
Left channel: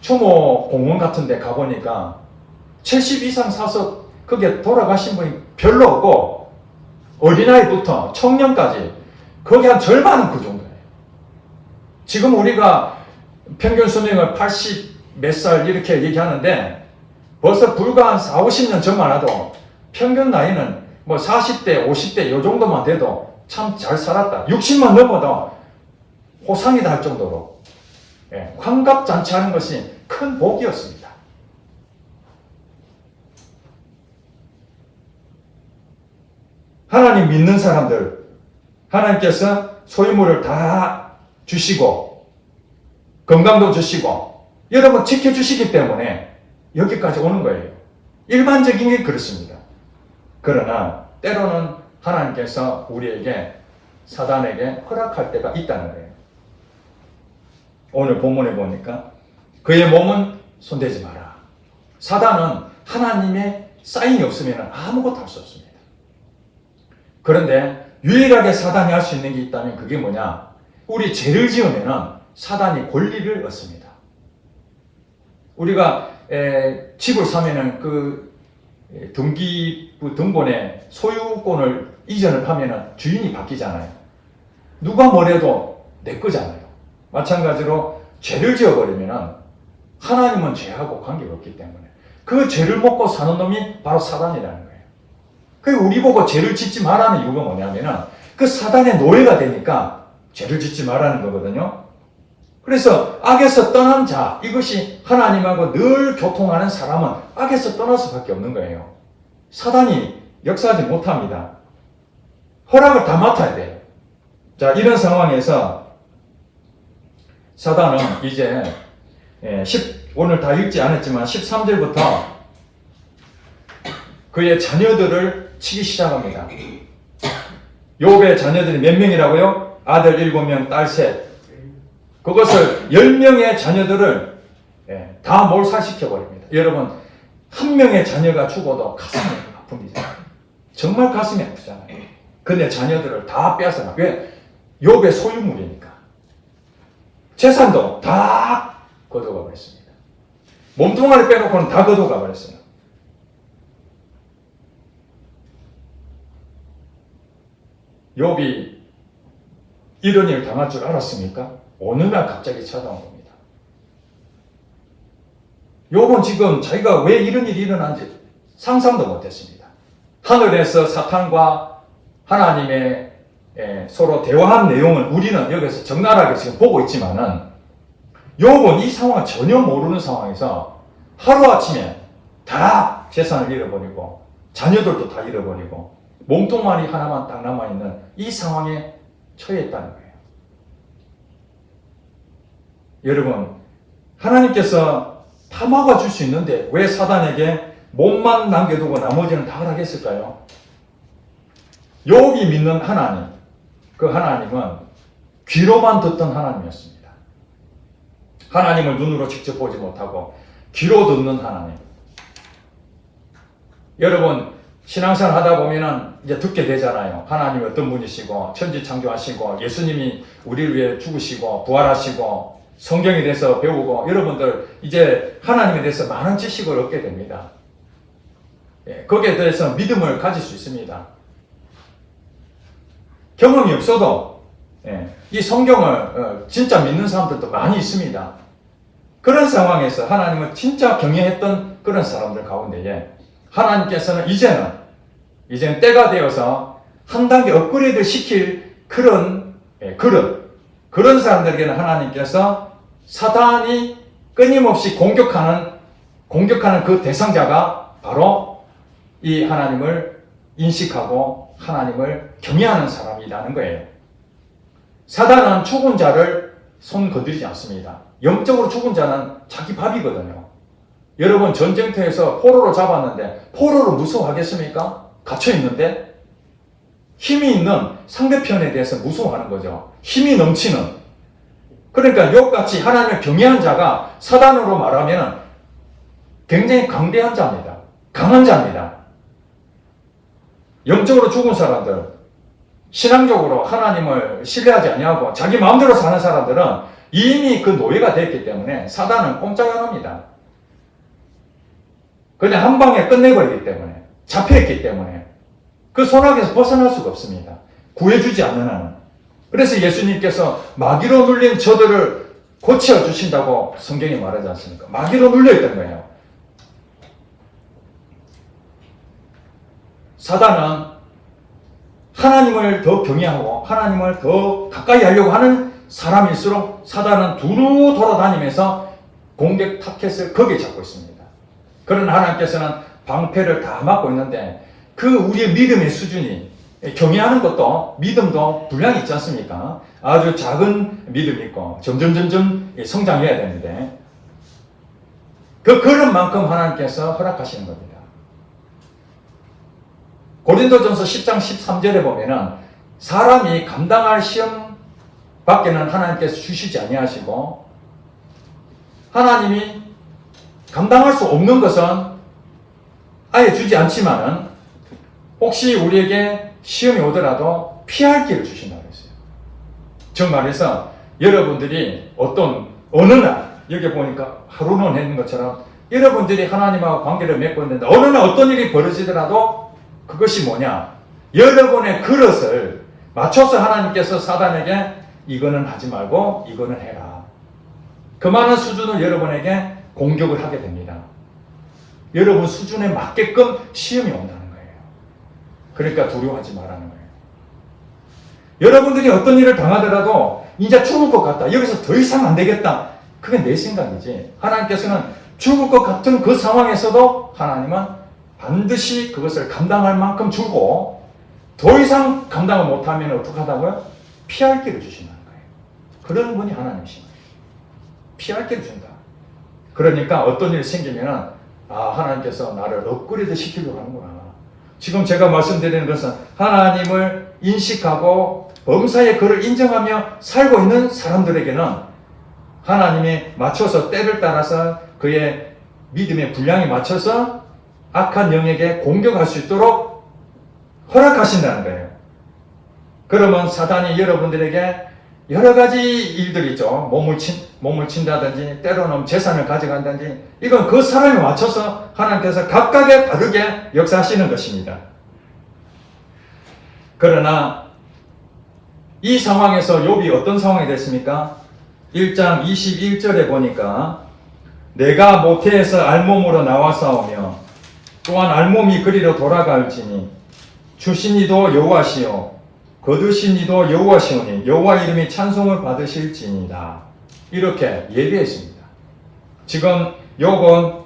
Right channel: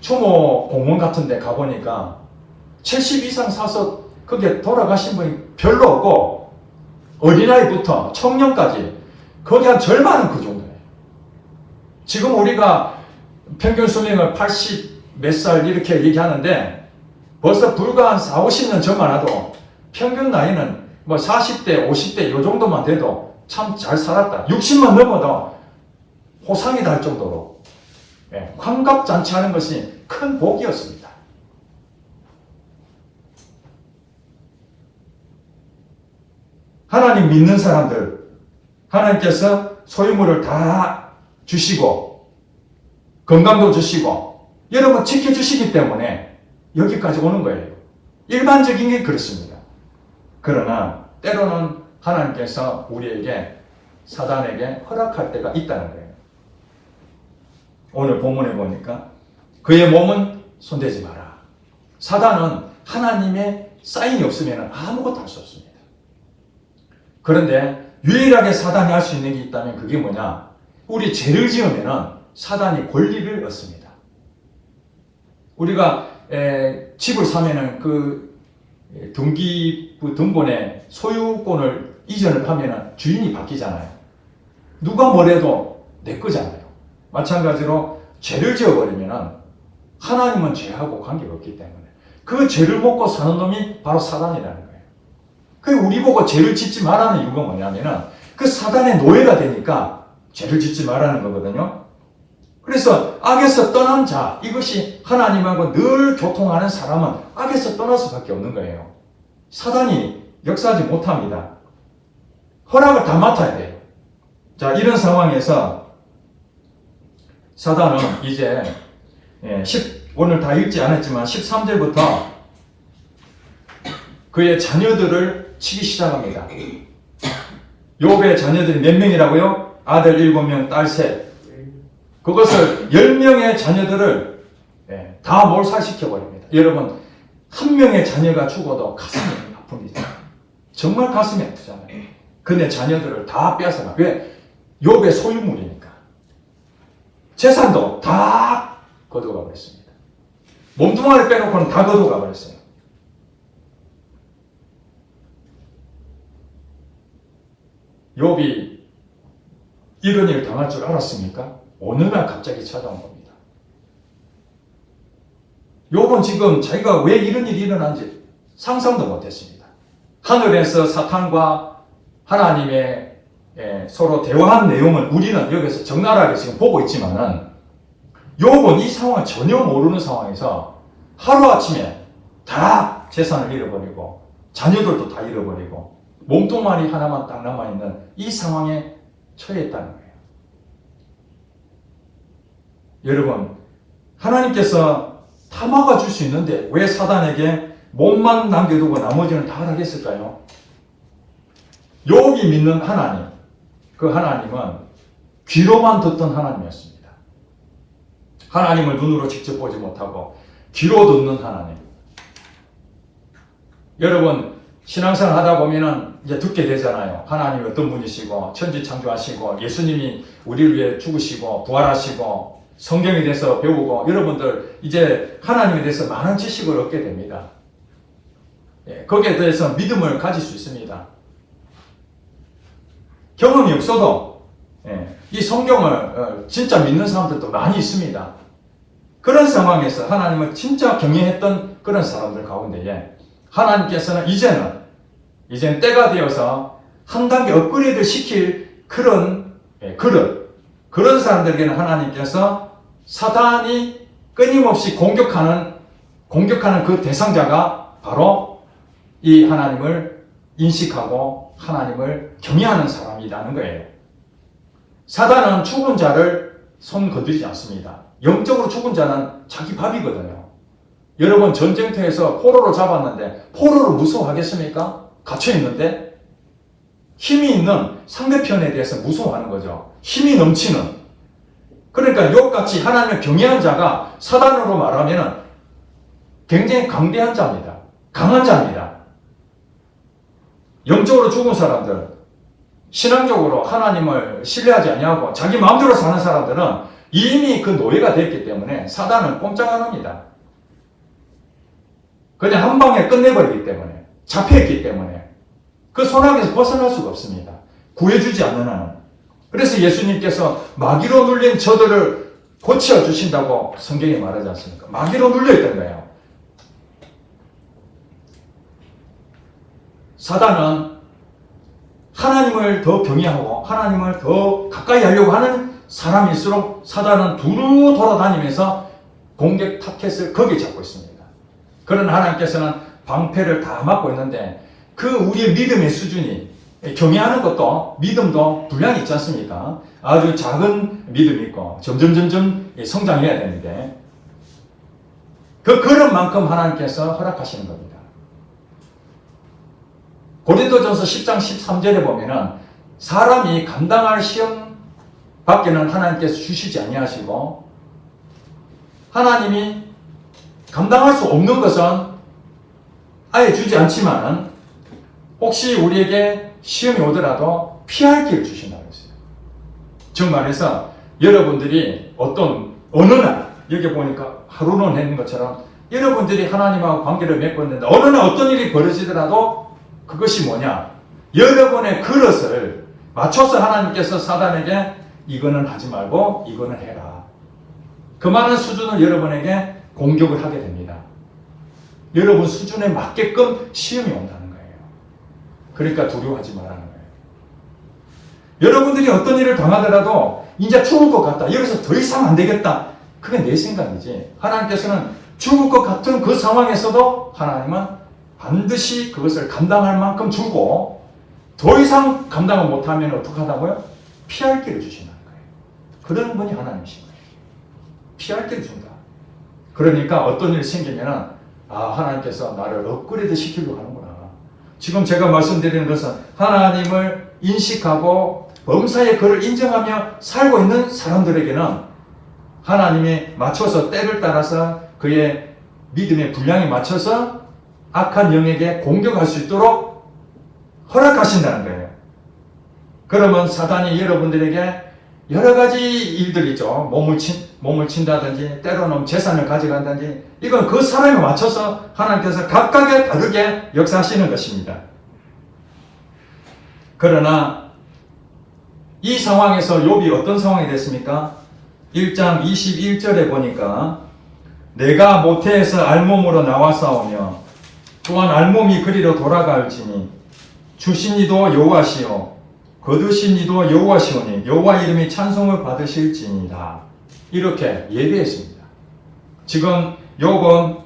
추모 공원 같은 데 가보니까 70 이상 사서 거기에 돌아가신 분이 별로 없고 어린아이부터 청년까지 거기 한 절반은 그 정도예요. 지금 우리가 평균 수명을 80 몇 살 이렇게 얘기하는데 벌써 불과 한 4, 50년 전만 해도 평균 나이는 뭐 40대, 50대 요 정도만 돼도 참 잘 살았다. 60만 넘어도 호상이다 할 정도로 환갑잔치하는 것이 큰 복이었습니다. 하나님 믿는 사람들, 하나님께서 소유물을 다 주시고 건강도 주시고 여러분 지켜주시기 때문에 여기까지 오는 거예요. 일반적인 게 그렇습니다. 그러나 때로는 하나님께서 우리에게 사단에게 허락할 때가 있다는 거예요. 오늘 본문에 보니까 그의 몸은 손대지 마라. 사단은 하나님의 사인이 없으면 아무것도 할 수 없습니다. 그런데 유일하게 사단이 할 수 있는 게 있다면 그게 뭐냐? 우리 죄를 지으면 사단이 권리를 얻습니다. 우리가 집을 사면은 그 등기부 등본에 소유권을 이전을 하면은 주인이 바뀌잖아요. 누가 뭐래도 내 거잖아요. 마찬가지로 죄를 지어버리면은 하나님은 죄하고 관계가 없기 때문에 그 죄를 먹고 사는 놈이 바로 사단이라는 거예요. 그 우리 보고 죄를 짓지 말라는 이유가 뭐냐면은 그 사단의 노예가 되니까 죄를 짓지 말라는 거거든요. 그래서 악에서 떠난 자, 이것이 하나님하고 늘 교통하는 사람은 악에서 떠날 수밖에 없는 거예요. 사단이 역사하지 못합니다. 허락을 다 맡아야 돼요. 자, 이런 상황에서 사단은 이제 오늘 다 읽지 않았지만 13절부터 그의 자녀들을 치기 시작합니다. 욥의 자녀들이 몇 명이라고요? 아들 7명, 딸 셋. 그것을 10명의 자녀들을 다 몰살시켜버립니다. 여러분, 한 명의 자녀가 죽어도 가슴이 아픕니다. 정말 가슴이 아프잖아요. 근데 자녀들을 다 빼앗아나. 왜? 욥의 소유물이니까. 재산도 다 거둬가 버렸습니다. 몸뚱아리 빼놓고는 다 거둬가 버렸어요. 욥이 이런 일을 당할 줄 알았습니까? 오늘날 갑자기 찾아온 겁니다. 욥은 지금 자기가 왜 이런 일이 일어난지 상상도 못했습니다. 하늘에서 사탄과 하나님의 서로 대화한 내용을 우리는 여기서 적나라하게 지금 보고 있지만은 욥은 이 상황을 전혀 모르는 상황에서 하루아침에 다 재산을 잃어버리고 자녀들도 다 잃어버리고 몸뚱아리 하나만 딱 남아있는 이 상황에 처했다는 거예요. 여러분, 하나님께서 다 막아줄 수 있는데 왜 사단에게 몸만 남겨두고 나머지는 다 하라겠을까요? 욥이 믿는 하나님, 그 하나님은 귀로만 듣던 하나님이었습니다. 하나님을 눈으로 직접 보지 못하고 귀로 듣는 하나님. 여러분 신앙생활 하다 보면은 이제 듣게 되잖아요. 하나님이 어떤 분이시고 천지 창조하시고 예수님이 우리를 위해 죽으시고 부활하시고 성경에 대해서 배우고 여러분들 이제 하나님에 대해서 많은 지식을 얻게 됩니다. 거기에 대해서 믿음을 가질 수 있습니다. 경험이 없어도 이 성경을 진짜 믿는 사람들도 많이 있습니다. 그런 상황에서 하나님을 진짜 경외했던 그런 사람들 가운데에 하나님께서는 이제는 때가 되어서 한 단계 업그레이드 시킬 그런 사람들에게는 하나님께서 사단이 끊임없이 공격하는 그 대상자가 바로 이 하나님을 인식하고 하나님을 경외하는 사람이라는 거예요. 사단은 죽은 자를 손 건드리지 않습니다. 영적으로 죽은 자는 자기 밥이거든요. 여러분 전쟁터에서 포로로 잡았는데 포로를 무서워하겠습니까? 갇혀있는데 힘이 있는 상대편에 대해서 무서워하는 거죠. 힘이 넘치는. 그러니까 욥같이 하나님을 경외한 자가 사단으로 말하면 굉장히 강대한 자입니다. 강한 자입니다. 영적으로 죽은 사람들, 신앙적으로 하나님을 신뢰하지 아니하고 자기 마음대로 사는 사람들은 이미 그 노예가 됐기 때문에 사단은 꼼짝 안 합니다. 그냥 한 방에 끝내버리기 때문에, 잡혀있기 때문에 그 손아귀에서 벗어날 수가 없습니다. 구해주지 않는 한은. 그래서 예수님께서 마귀로 눌린 저들을 고쳐주신다고 성경이 말하지 않습니까? 마귀로 눌려있던 거예요. 사단은 하나님을 더 경외하고 하나님을 더 가까이 하려고 하는 사람일수록 사단은 두루 돌아다니면서 공격 타켓을 거기에 잡고 있습니다. 그러나 하나님께서는 방패를 다 막고 있는데 그 우리의 믿음의 수준이 경외하는 것도 믿음도 분량이 있지 않습니까? 아주 작은 믿음이 있고 점점 성장해야 되는데 그 걸음만큼 하나님께서 허락하시는 겁니다. 고린도전서 10장 13절에 보면은 사람이 감당할 시험 밖에는 하나님께서 주시지 아니하시고 하나님이 감당할 수 없는 것은 아예 주지 않지만은 혹시 우리에게 시험이 오더라도 피할 길을 주신다고 했어요. 즉 말해서 여러분들이 어느 날 여기 보니까 하루는 했는 것처럼 여러분들이 하나님하고 관계를 맺고 있는데 어느 날 어떤 일이 벌어지더라도 그것이 뭐냐? 여러분의 그릇을 맞춰서 하나님께서 사단에게 이거는 하지 말고 이거는 해라. 그만한 수준을 여러분에게 공격을 하게 됩니다. 여러분 수준에 맞게끔 시험이 온다는 거예요. 그러니까 두려워하지 말라는 거예요. 여러분들이 어떤 일을 당하더라도 이제 죽을 것 같다. 여기서 더 이상 안 되겠다. 그게 내 생각이지. 하나님께서는 죽을 것 같은 그 상황에서도 하나님은 반드시 그것을 감당할 만큼 주고 더 이상 감당을 못하면 어떻게 하다고요? 피할 길을 주신다는 거예요. 그런 분이 하나님이신 거예요. 피할 길을 준다. 그러니까 어떤 일이 생기면 하나님께서 나를 업그레이드 시키려고 하는구나. 지금 제가 말씀드리는 것은 하나님을 인식하고 범사의 그를 인정하며 살고 있는 사람들에게는 하나님이 맞춰서 때를 따라서 그의 믿음의 분량에 맞춰서 악한 영에게 공격할 수 있도록 허락하신다는 거예요. 그러면 사단이 여러분들에게 여러 가지 일들이 있죠. 몸을 친다든지 때로는 재산을 가져간다든지 이건 그 사람에 맞춰서 하나님께서 각각의 다르게 역사하시는 것입니다. 그러나 이 상황에서 욥이 어떤 상황이 됐습니까? 1장 21절에 보니까 내가 모태에서 알몸으로 나와싸우며 또한 알몸이 그리로 돌아갈지니 주신 이도 여호와시요 거두신 이도 여호와시오니 여호와 이름이 찬송을 받으실지니라. 이렇게 예비했습니다. 지금 욥은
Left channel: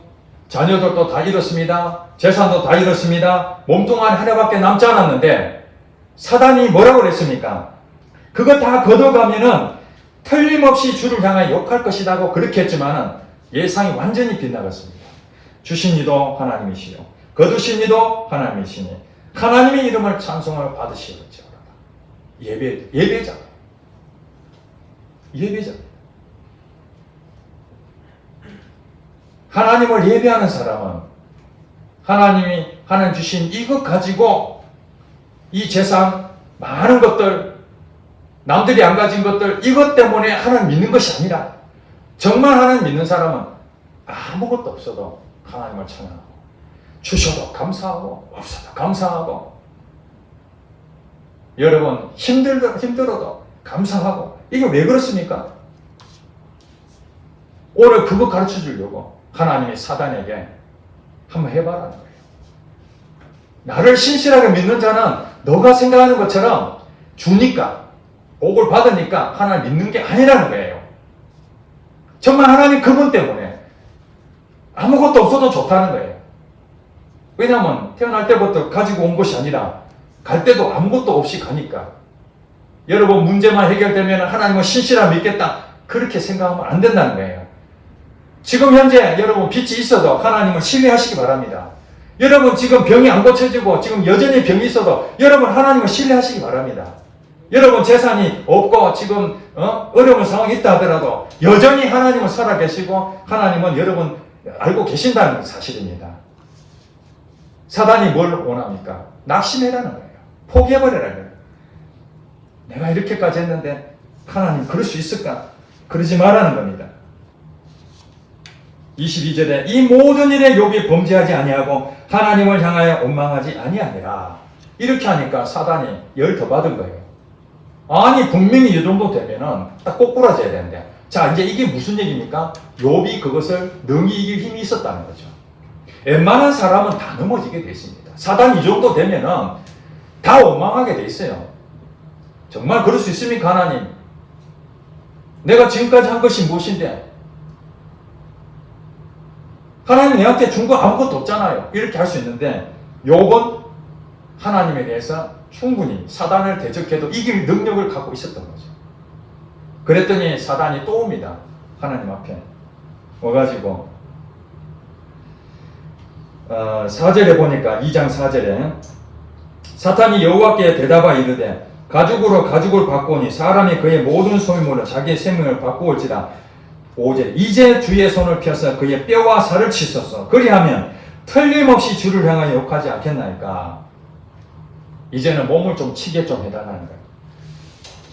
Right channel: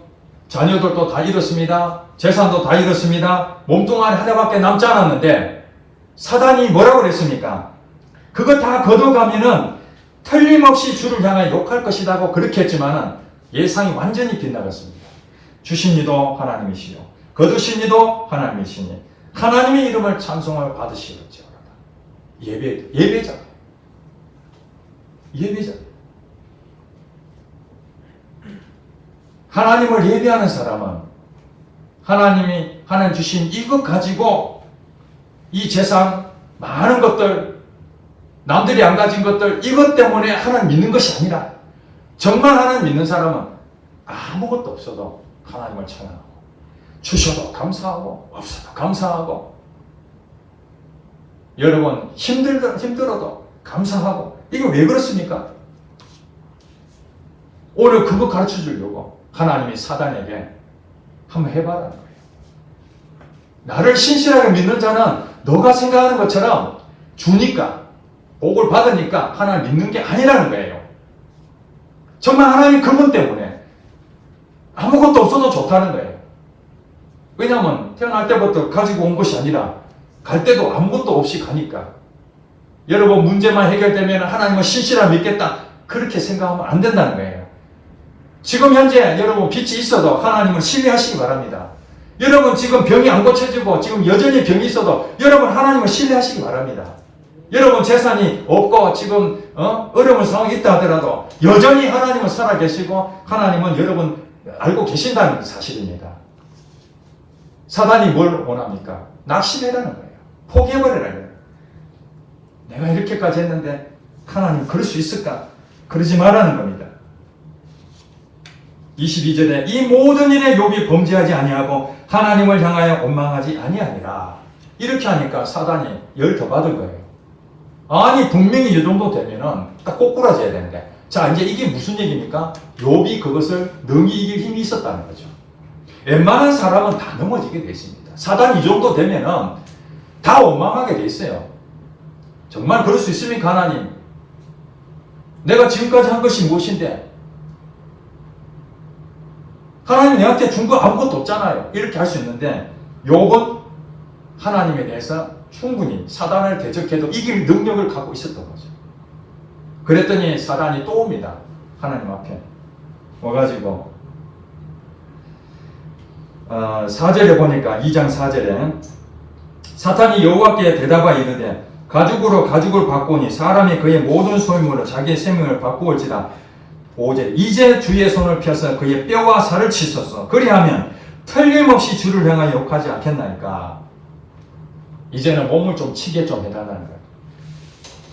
자녀들도 다 잃었습니다. 재산도 다 잃었습니다. 몸뚱아리 하나밖에 남지 않았는데 사단이 뭐라고 그랬습니까? 그거 다 거둬가면은 틀림없이 주를 향해 욕할 것이라고 그렇게 했지만은 예상이 완전히 빗나갔습니다. 주신 이도 하나님이시요 거두신 이도 하나님이시니 하나님의 이름을 찬송을 받으시겠죠. 예배자. 하나님을 예배하는 사람은 하나님이 하나님 주신 이것 가지고 이 재산, 많은 것들, 남들이 안 가진 것들, 이것 때문에 하나님 믿는 것이 아니라 정말 하나님 믿는 사람은 아무것도 없어도 하나님을 찬양하고 주셔도 감사하고 없어도 감사하고 여러분 힘들어도 감사하고 이게 왜 그렇습니까? 오늘 그거 가르쳐 주려고 하나님이 사단에게 한번 해봐라는 거예요. 나를 신실하게 믿는 자는 너가 생각하는 것처럼 주니까 복을 받으니까 하나님 믿는 게 아니라는 거예요. 정말 하나님 그분 때문에 아무것도 없어도 좋다는 거예요. 왜냐하면 태어날 때부터 가지고 온 것이 아니라 갈 때도 아무것도 없이 가니까. 여러분 문제만 해결되면 하나님은 신실하게 믿겠다 그렇게 생각하면 안 된다는 거예요. 지금 현재 여러분 빚이 있어도 하나님을 신뢰하시기 바랍니다. 여러분 지금 병이 안 고쳐지고 지금 여전히 병이 있어도 여러분 하나님을 신뢰하시기 바랍니다. 여러분 재산이 없고 지금 어려운 상황이 있다 하더라도 여전히 하나님은 살아계시고 하나님은 여러분 알고 계신다는 사실입니다. 사단이 뭘 원합니까? 낙심해라는 거예요. 포기해버리라는 거예요. 내가 이렇게까지 했는데 하나님 그럴 수 있을까? 그러지 말라는 겁니다. 22절에 이 모든 일에 욥이 범죄하지 아니하고 하나님을 향하여 원망하지 아니하니라. 이렇게 하니까 사단이 열 더 받은 거예요. 아니 분명히 이 정도 되면은 딱 꼬꾸라져야 되는데 자 이제 이게 무슨 얘기입니까? 욥이 그것을 능히 이길 힘이 있었다는 거죠. 웬만한 사람은 다 넘어지게 돼 있습니다. 사단 이 정도 되면은 다 원망하게 돼 있어요. 정말 그럴 수 있습니까 하나님? 내가 지금까지 한 것이 무엇인데 하나님이 내한테 준 거 아무것도 없잖아요. 이렇게 할 수 있는데 욥은 하나님에 대해서 충분히 사단을 대적해도 이길 능력을 갖고 있었던 거죠. 그랬더니 사단이 또 옵니다. 하나님 앞에 와가지고 4절에 보니까 2장 4절에 사탄이 여호와께 대답하여 이르되 가죽으로 가죽을 바꾸니 사람이 그의 모든 소유물로 자기의 생명을 바꾸올지라. 5절 이제 주의 손을 펴서 그의 뼈와 살을 치소서. 그리하면 틀림없이 주를 향하여 욕하지 않겠나이까. 이제는 몸을 좀 치게 좀 해달라는 거예요.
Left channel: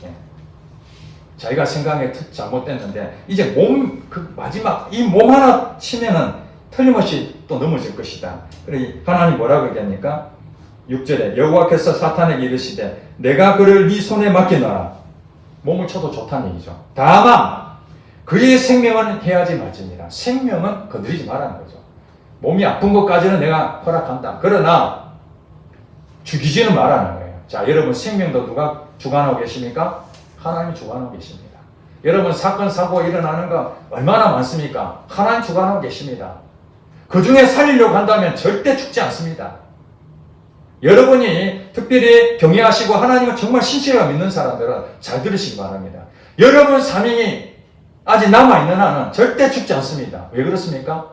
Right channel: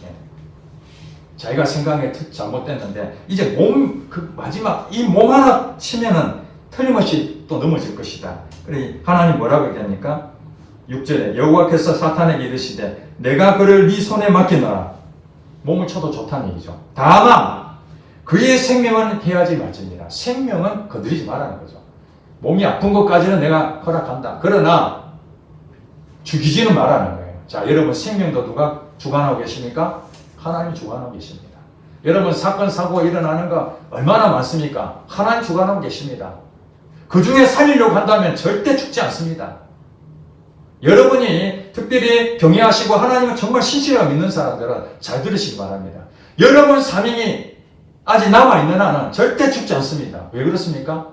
예. 자기가 생각에 잘못됐는데 이제 그 마지막 이 몸 하나 치면은 틀림없이 또 넘어질 것이다. 그래 하나님 뭐라고 얘기합니까? 6절에 여호와께서 사탄에게 이르시되 내가 그를 네 손에 맡기노라. 몸을 쳐도 좋다는 얘기죠. 다만 그의 생명은 해하지 말지니라. 생명은 건드리지 말라는 거죠. 몸이 아픈 것까지는 내가 허락한다. 그러나 죽이지는 말라는 거예요. 자, 여러분 생명도 누가 주관하고 계십니까? 하나님이 주관하고 계십니다. 여러분 사건 사고가 일어나는 거 얼마나 많습니까? 하나님 주관하고 계십니다. 그 중에 살리려고 한다면 절대 죽지 않습니다. 여러분이 특별히 경외하시고 하나님을 정말 신실하게 믿는 사람들은 잘 들으시기 바랍니다. 여러분 사명이 아직 남아있는 한은 절대 죽지 않습니다. 왜 그렇습니까?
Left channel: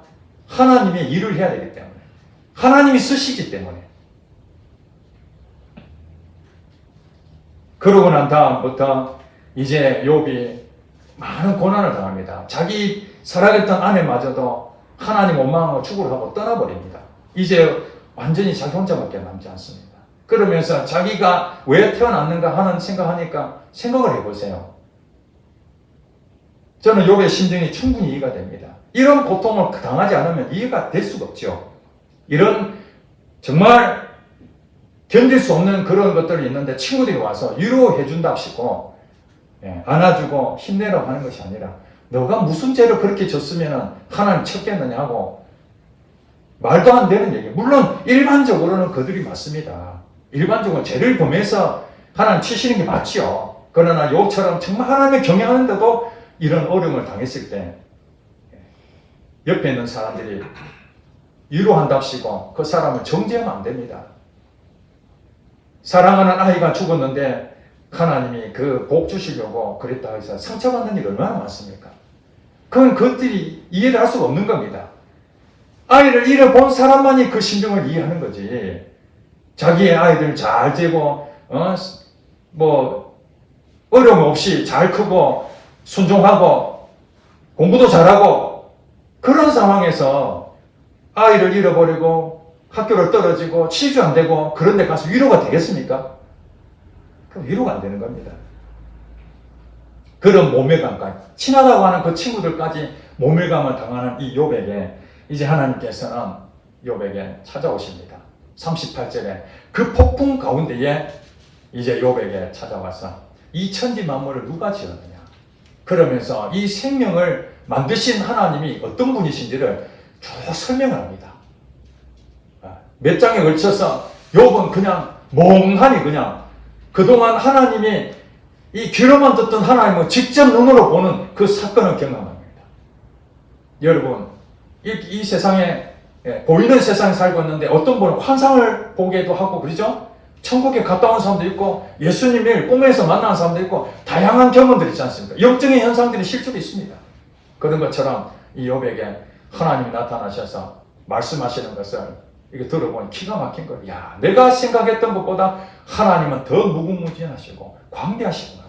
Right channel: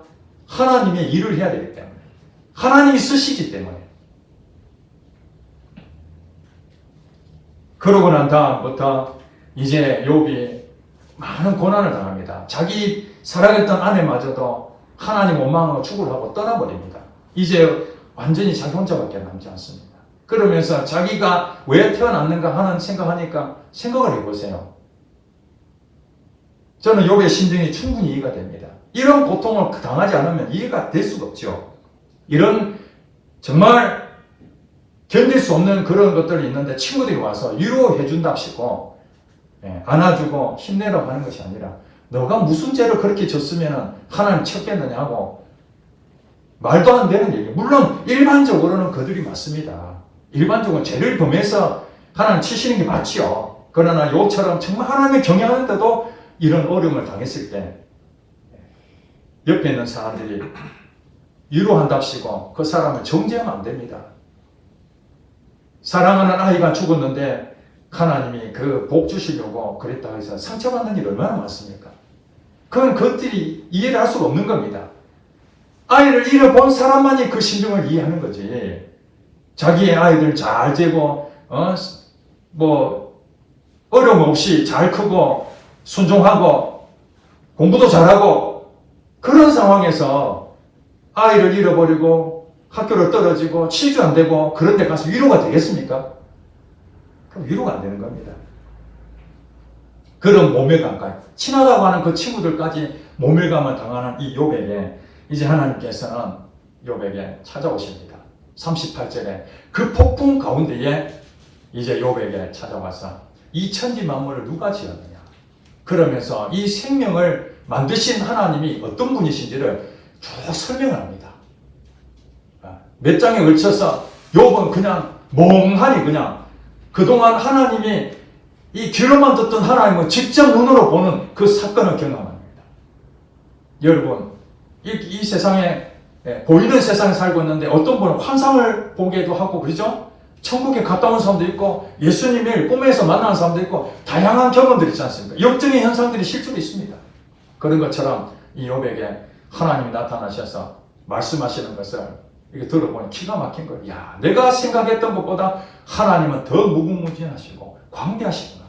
하나님의 일을 해야 되기 때문에. 하나님이 쓰시기 때문에. 그러고 난 다음부터 이제 욥이 많은 고난을 당합니다. 자기 사랑했던 아내마저도 하나님 원망하고 죽으려고 떠나버립니다. 이제 완전히 자기 혼자밖에 남지 않습니다. 그러면서 자기가 왜 태어났는가 하는 생각하니까 생각을 해보세요. 저는 욥의 심정이 충분히 이해가 됩니다. 이런 고통을 당하지 않으면 이해가 될 수가 없죠. 이런 정말 견딜 수 없는 그런 것들이 있는데 친구들이 와서 위로해 준답시고 안아주고 힘내라고 하는 것이 아니라 너가 무슨 죄를 그렇게 졌으면 하나님 쳤겠느냐 하고 말도 안 되는 얘기. 물론 일반적으로는 그들이 맞습니다. 일반적으로 죄를 범해서 하나님 치시는 게 맞죠. 그러나 욥처럼 정말 하나님을 경외하는데도 이런 어려움을 당했을 때 옆에 있는 사람들이 위로한답시고 그 사람을 정죄하면 안 됩니다. 사랑하는 아이가 죽었는데 하나님이 그 복 주시려고 그랬다 해서 상처받는 일 얼마나 많습니까? 그건 그것들이 이해를 할 수가 없는 겁니다. 아이를 잃어본 사람만이 그 심정을 이해하는 거지. 자기의 아이들 잘 재고 어려움 없이 잘 크고 순종하고 공부도 잘하고 그런 상황에서 아이를 잃어버리고 학교를 떨어지고 치주 안 되고 그런 데 가서 위로가 되겠습니까? 그럼 위로가 안 되는 겁니다. 그런 모멸감까지, 친하다고 하는 그 친구들까지 모멸감을 당하는 이 욥에게 이제 하나님께서는 욥에게 찾아오십니다. 38절에 그 폭풍 가운데에 이제 욥에게 찾아와서 이 천지 만물을 누가 지었느냐, 그러면서 이 생명을 만드신 하나님이 어떤 분이신지를 쭉 설명을 합니다. 몇 장에 걸쳐서 욥은 그냥 멍하니 그냥 그동안 하나님이 이 귀로만 듣던 하나님을 직접 눈으로 보는 그 사건을 경험합니다. 여러분, 이 세상에, 보이는 세상에 살고 있는데 어떤 분은 환상을 보기도 하고 그러죠? 천국에 갔다 온 사람도 있고 예수님을 꿈에서 만나는 사람도 있고 다양한 경험들이 있지 않습니까? 역적인 현상들이 실제로 있습니다. 그런 것처럼 이 욥에게 하나님이 나타나셔서 말씀하시는 것을 이렇게 들어보니 기가 막힌 거예요. 야, 내가 생각했던 것보다 하나님은 더 무궁무진하시고 광대하시구나.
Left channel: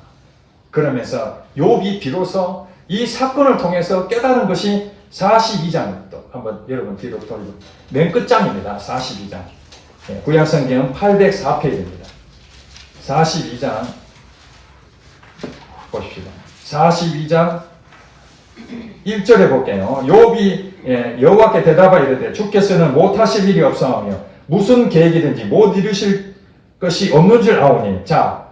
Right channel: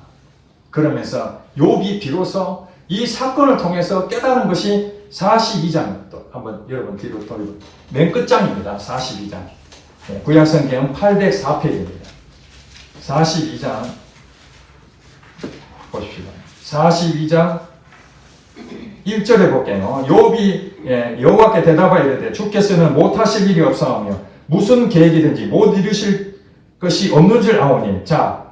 그러면서 욥이 비로소 이 사건을 통해서 깨달은 것이 42장, 또 한번 여러분 뒤로 돌리고 맨 끝장입니다. 42장. 구약성경 804페이지입니다. 42장 보십시오. 42장 1절에 볼게요. 욥이 여호와께 대답하여 이르되 주께서는 못하실 일이 없사오며 무슨 계획이든지 못 이루실 것이 없는 줄 아오니. 자,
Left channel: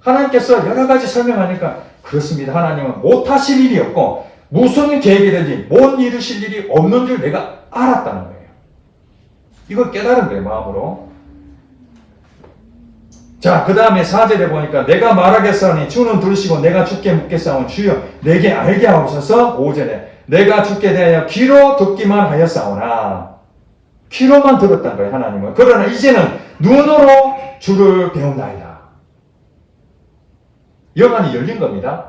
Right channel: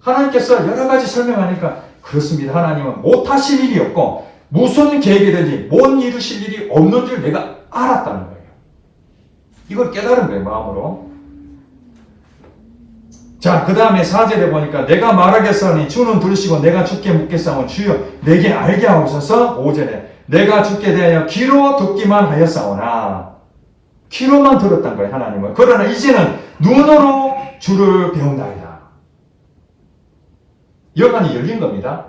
하나님께서 여러 가지 설명하니까 그렇습니다. 하나님은 못하실 일이 없고 무슨 계획이든지 못 이루실 일이 없는 줄 내가 알았다는 거예요. 이걸 깨달은 거예요, 마음으로. 자, 그 다음에 4절에 보니까 내가 말하겠사오니 주는 들으시고 내가 주께 묻겠사오니 주여 내게 알게 하옵소서. 5절에 내가 주께 대하여 귀로 듣기만 하였사오나, 귀로만 들었단 거예요, 하나님은. 그러나 이제는 눈으로 주를 배운다이다. 영안이 열린 겁니다.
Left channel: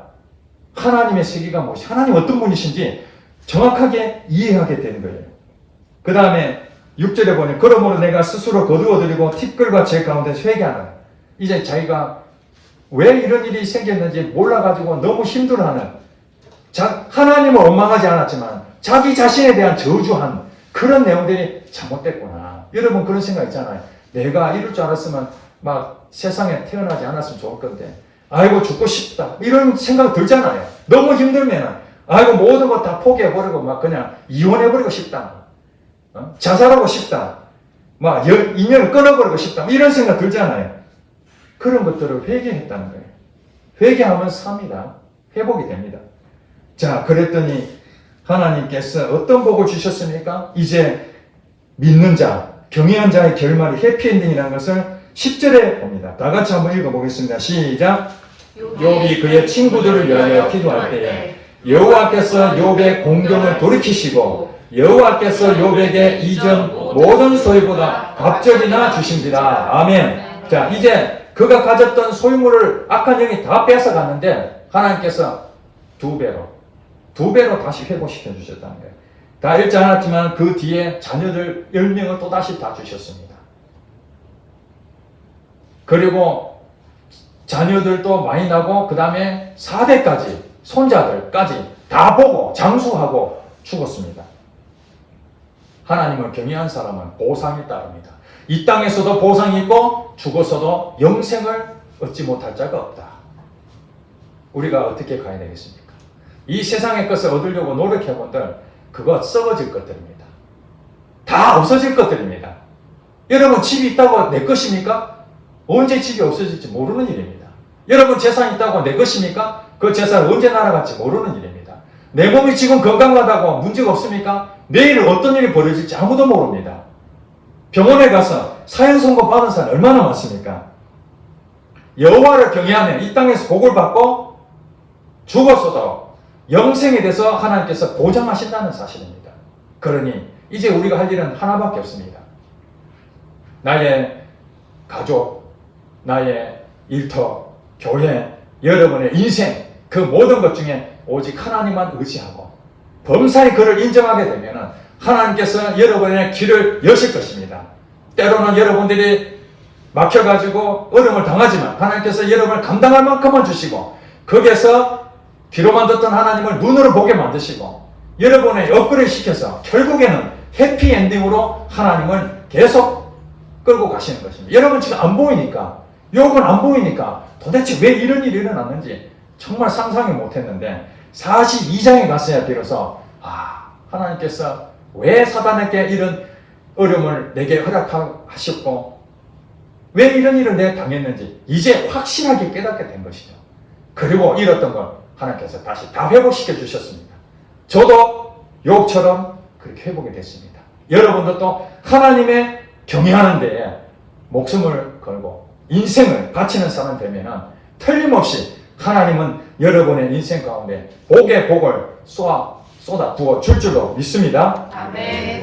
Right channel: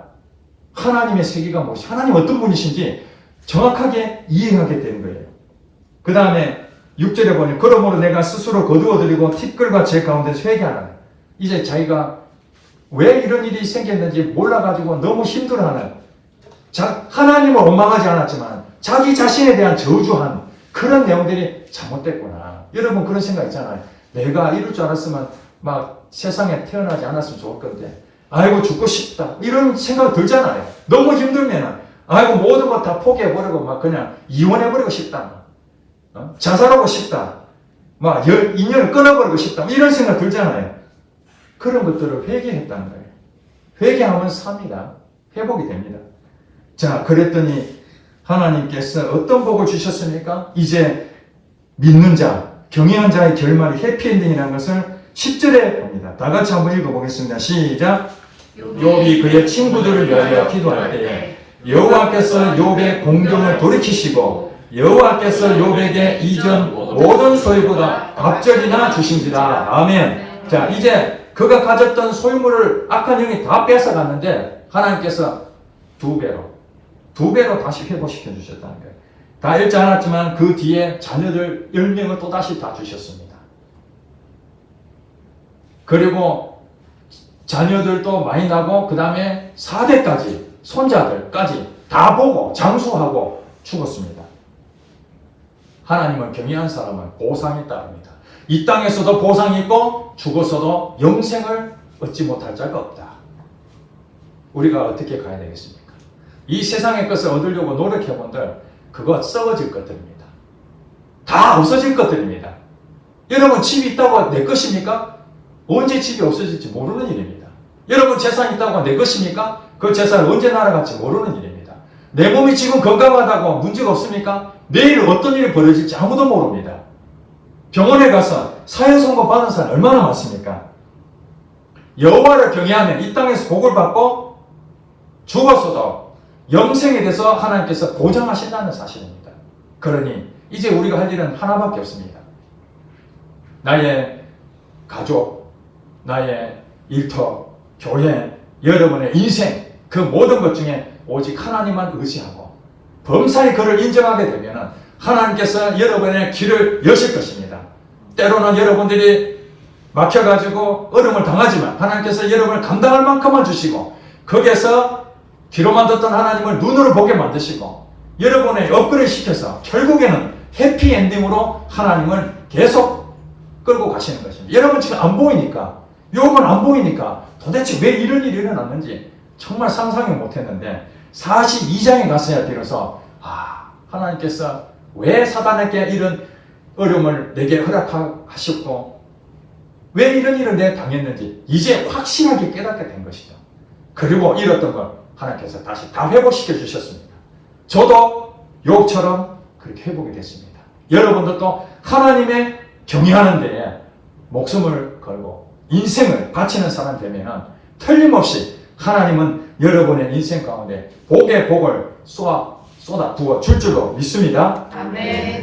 하나님의 세계가 무엇이, 하나님 어떤 분이신지 정확하게 이해하게 된 거예요. 그 다음에 6절에 보니 그러므로 내가 스스로 거두어들이고 티끌과 제 가운데서 회개하라. 이제 자기가 왜 이런 일이 생겼는지 몰라가지고 너무 힘들어하는, 하나님을 원망하지 않았지만 자기 자신에 대한 저주한 그런 내용들이 잘못됐구나. 여러분 그런 생각 있잖아요. 내가 이럴 줄 알았으면 막 세상에 태어나지 않았으면 좋을 건데 아이고 죽고 싶다 이런 생각 들잖아요. 너무 힘들면 아이고 모든 것 다 포기해버리고 막 그냥 이혼해버리고 싶다, 자살하고 싶다, 막 인연을 끊어버리고 싶다 이런 생각 들잖아요. 그런 것들을 회개했다는 거예요. 회개하면 삽니다. 회복이 됩니다. 자, 그랬더니 하나님께서 어떤 복을 주셨습니까? 이제 믿는 자, 경외한 자의 결말이 해피엔딩이라는 것을 10절에 봅니다. 다 같이 한번 읽어보겠습니다. 시작. 욥이 그의 친구들을 위하여 기도할 때에 여호와께서 욥의 공경을 돌이키시고 여호와께서 욥에게 이전 모든 소유보다 갑절이나 주신지라. 아멘. 자, 이제 그가 가졌던 소유물을 악한 영이 다 뺏어갔는데 하나님께서 두 배로 다시 회복시켜 주셨다는 거예요. 다 잃지 않았지만 그 뒤에 자녀들 10명을 또다시 다 주셨습니다. 그리고 자녀들도 많이 나고 그 다음에 4대까지 손자들까지 다 보고 장수하고 죽었습니다. 하나님을 경외한 사람은 보상이 따릅니다. 이 땅에서도 보상이 있고 죽어서도 영생을 얻지 못할 자가 없다. 우리가 어떻게 가야 되겠습니까? 이 세상의 것을 얻으려고 노력해본들 그거 썩어질 것들입니다. 다 없어질 것들입니다. 여러분 집이 있다고 내 것입니까? 언제 집이 없어질지 모르는 일입니다. 여러분 재산이 있다고 내 것입니까? 그 재산은 언제 날아갈지 모르는 일입니다. 내 몸이 지금 건강하다고 문제가 없습니까? 내일 어떤 일이 벌어질지 아무도 모릅니다. 병원에 가서 사형 선고 받은 사람 얼마나 많습니까? 여호와를 경외하면 이 땅에서 복을 받고 죽었어도 영생에 대해서 하나님께서 보장하신다는 사실입니다. 그러니 이제 우리가 할 일은 하나밖에 없습니다. 나의 가족, 나의 일터, 교회, 여러분의 인생 그 모든 것 중에 오직 하나님만 의지하고 범사에 그를 인정하게 되면 하나님께서 여러분의 길을 여실 것입니다. 때로는 여러분들이 막혀가지고 어려움을 당하지만 하나님께서 여러분을 감당할 만큼만 주시고 거기에서 귀로만 듣던 하나님을 눈으로 보게 만드시고 여러분의 업그레이드 시켜서 결국에는 해피엔딩으로 하나님을 계속 끌고 가시는 것입니다. 여러분 지금 안 보이니까, 욥은 안 보이니까 도대체 왜 이런 일이 일어났는지 정말 상상을 못했는데 42장에 갔어야 비로소 하나님께서 왜 사단에게 이런 어려움을 내게 허락하셨고 왜 이런 일을 내가 당했는지 이제 확실하게 깨닫게 된 것이죠. 그리고 잃었던 걸 하나님께서 다시 다 회복시켜 주셨습니다. 저도 욥처럼 그렇게 회복이 됐습니다. 여러분도 또 하나님의 경외하는 데에 목숨을 걸고 인생을 바치는 사람 되면 틀림없이 하나님은 여러분의 인생 가운데 복의 복을 쏟아 부어 줄 줄로 믿습니다. 아멘.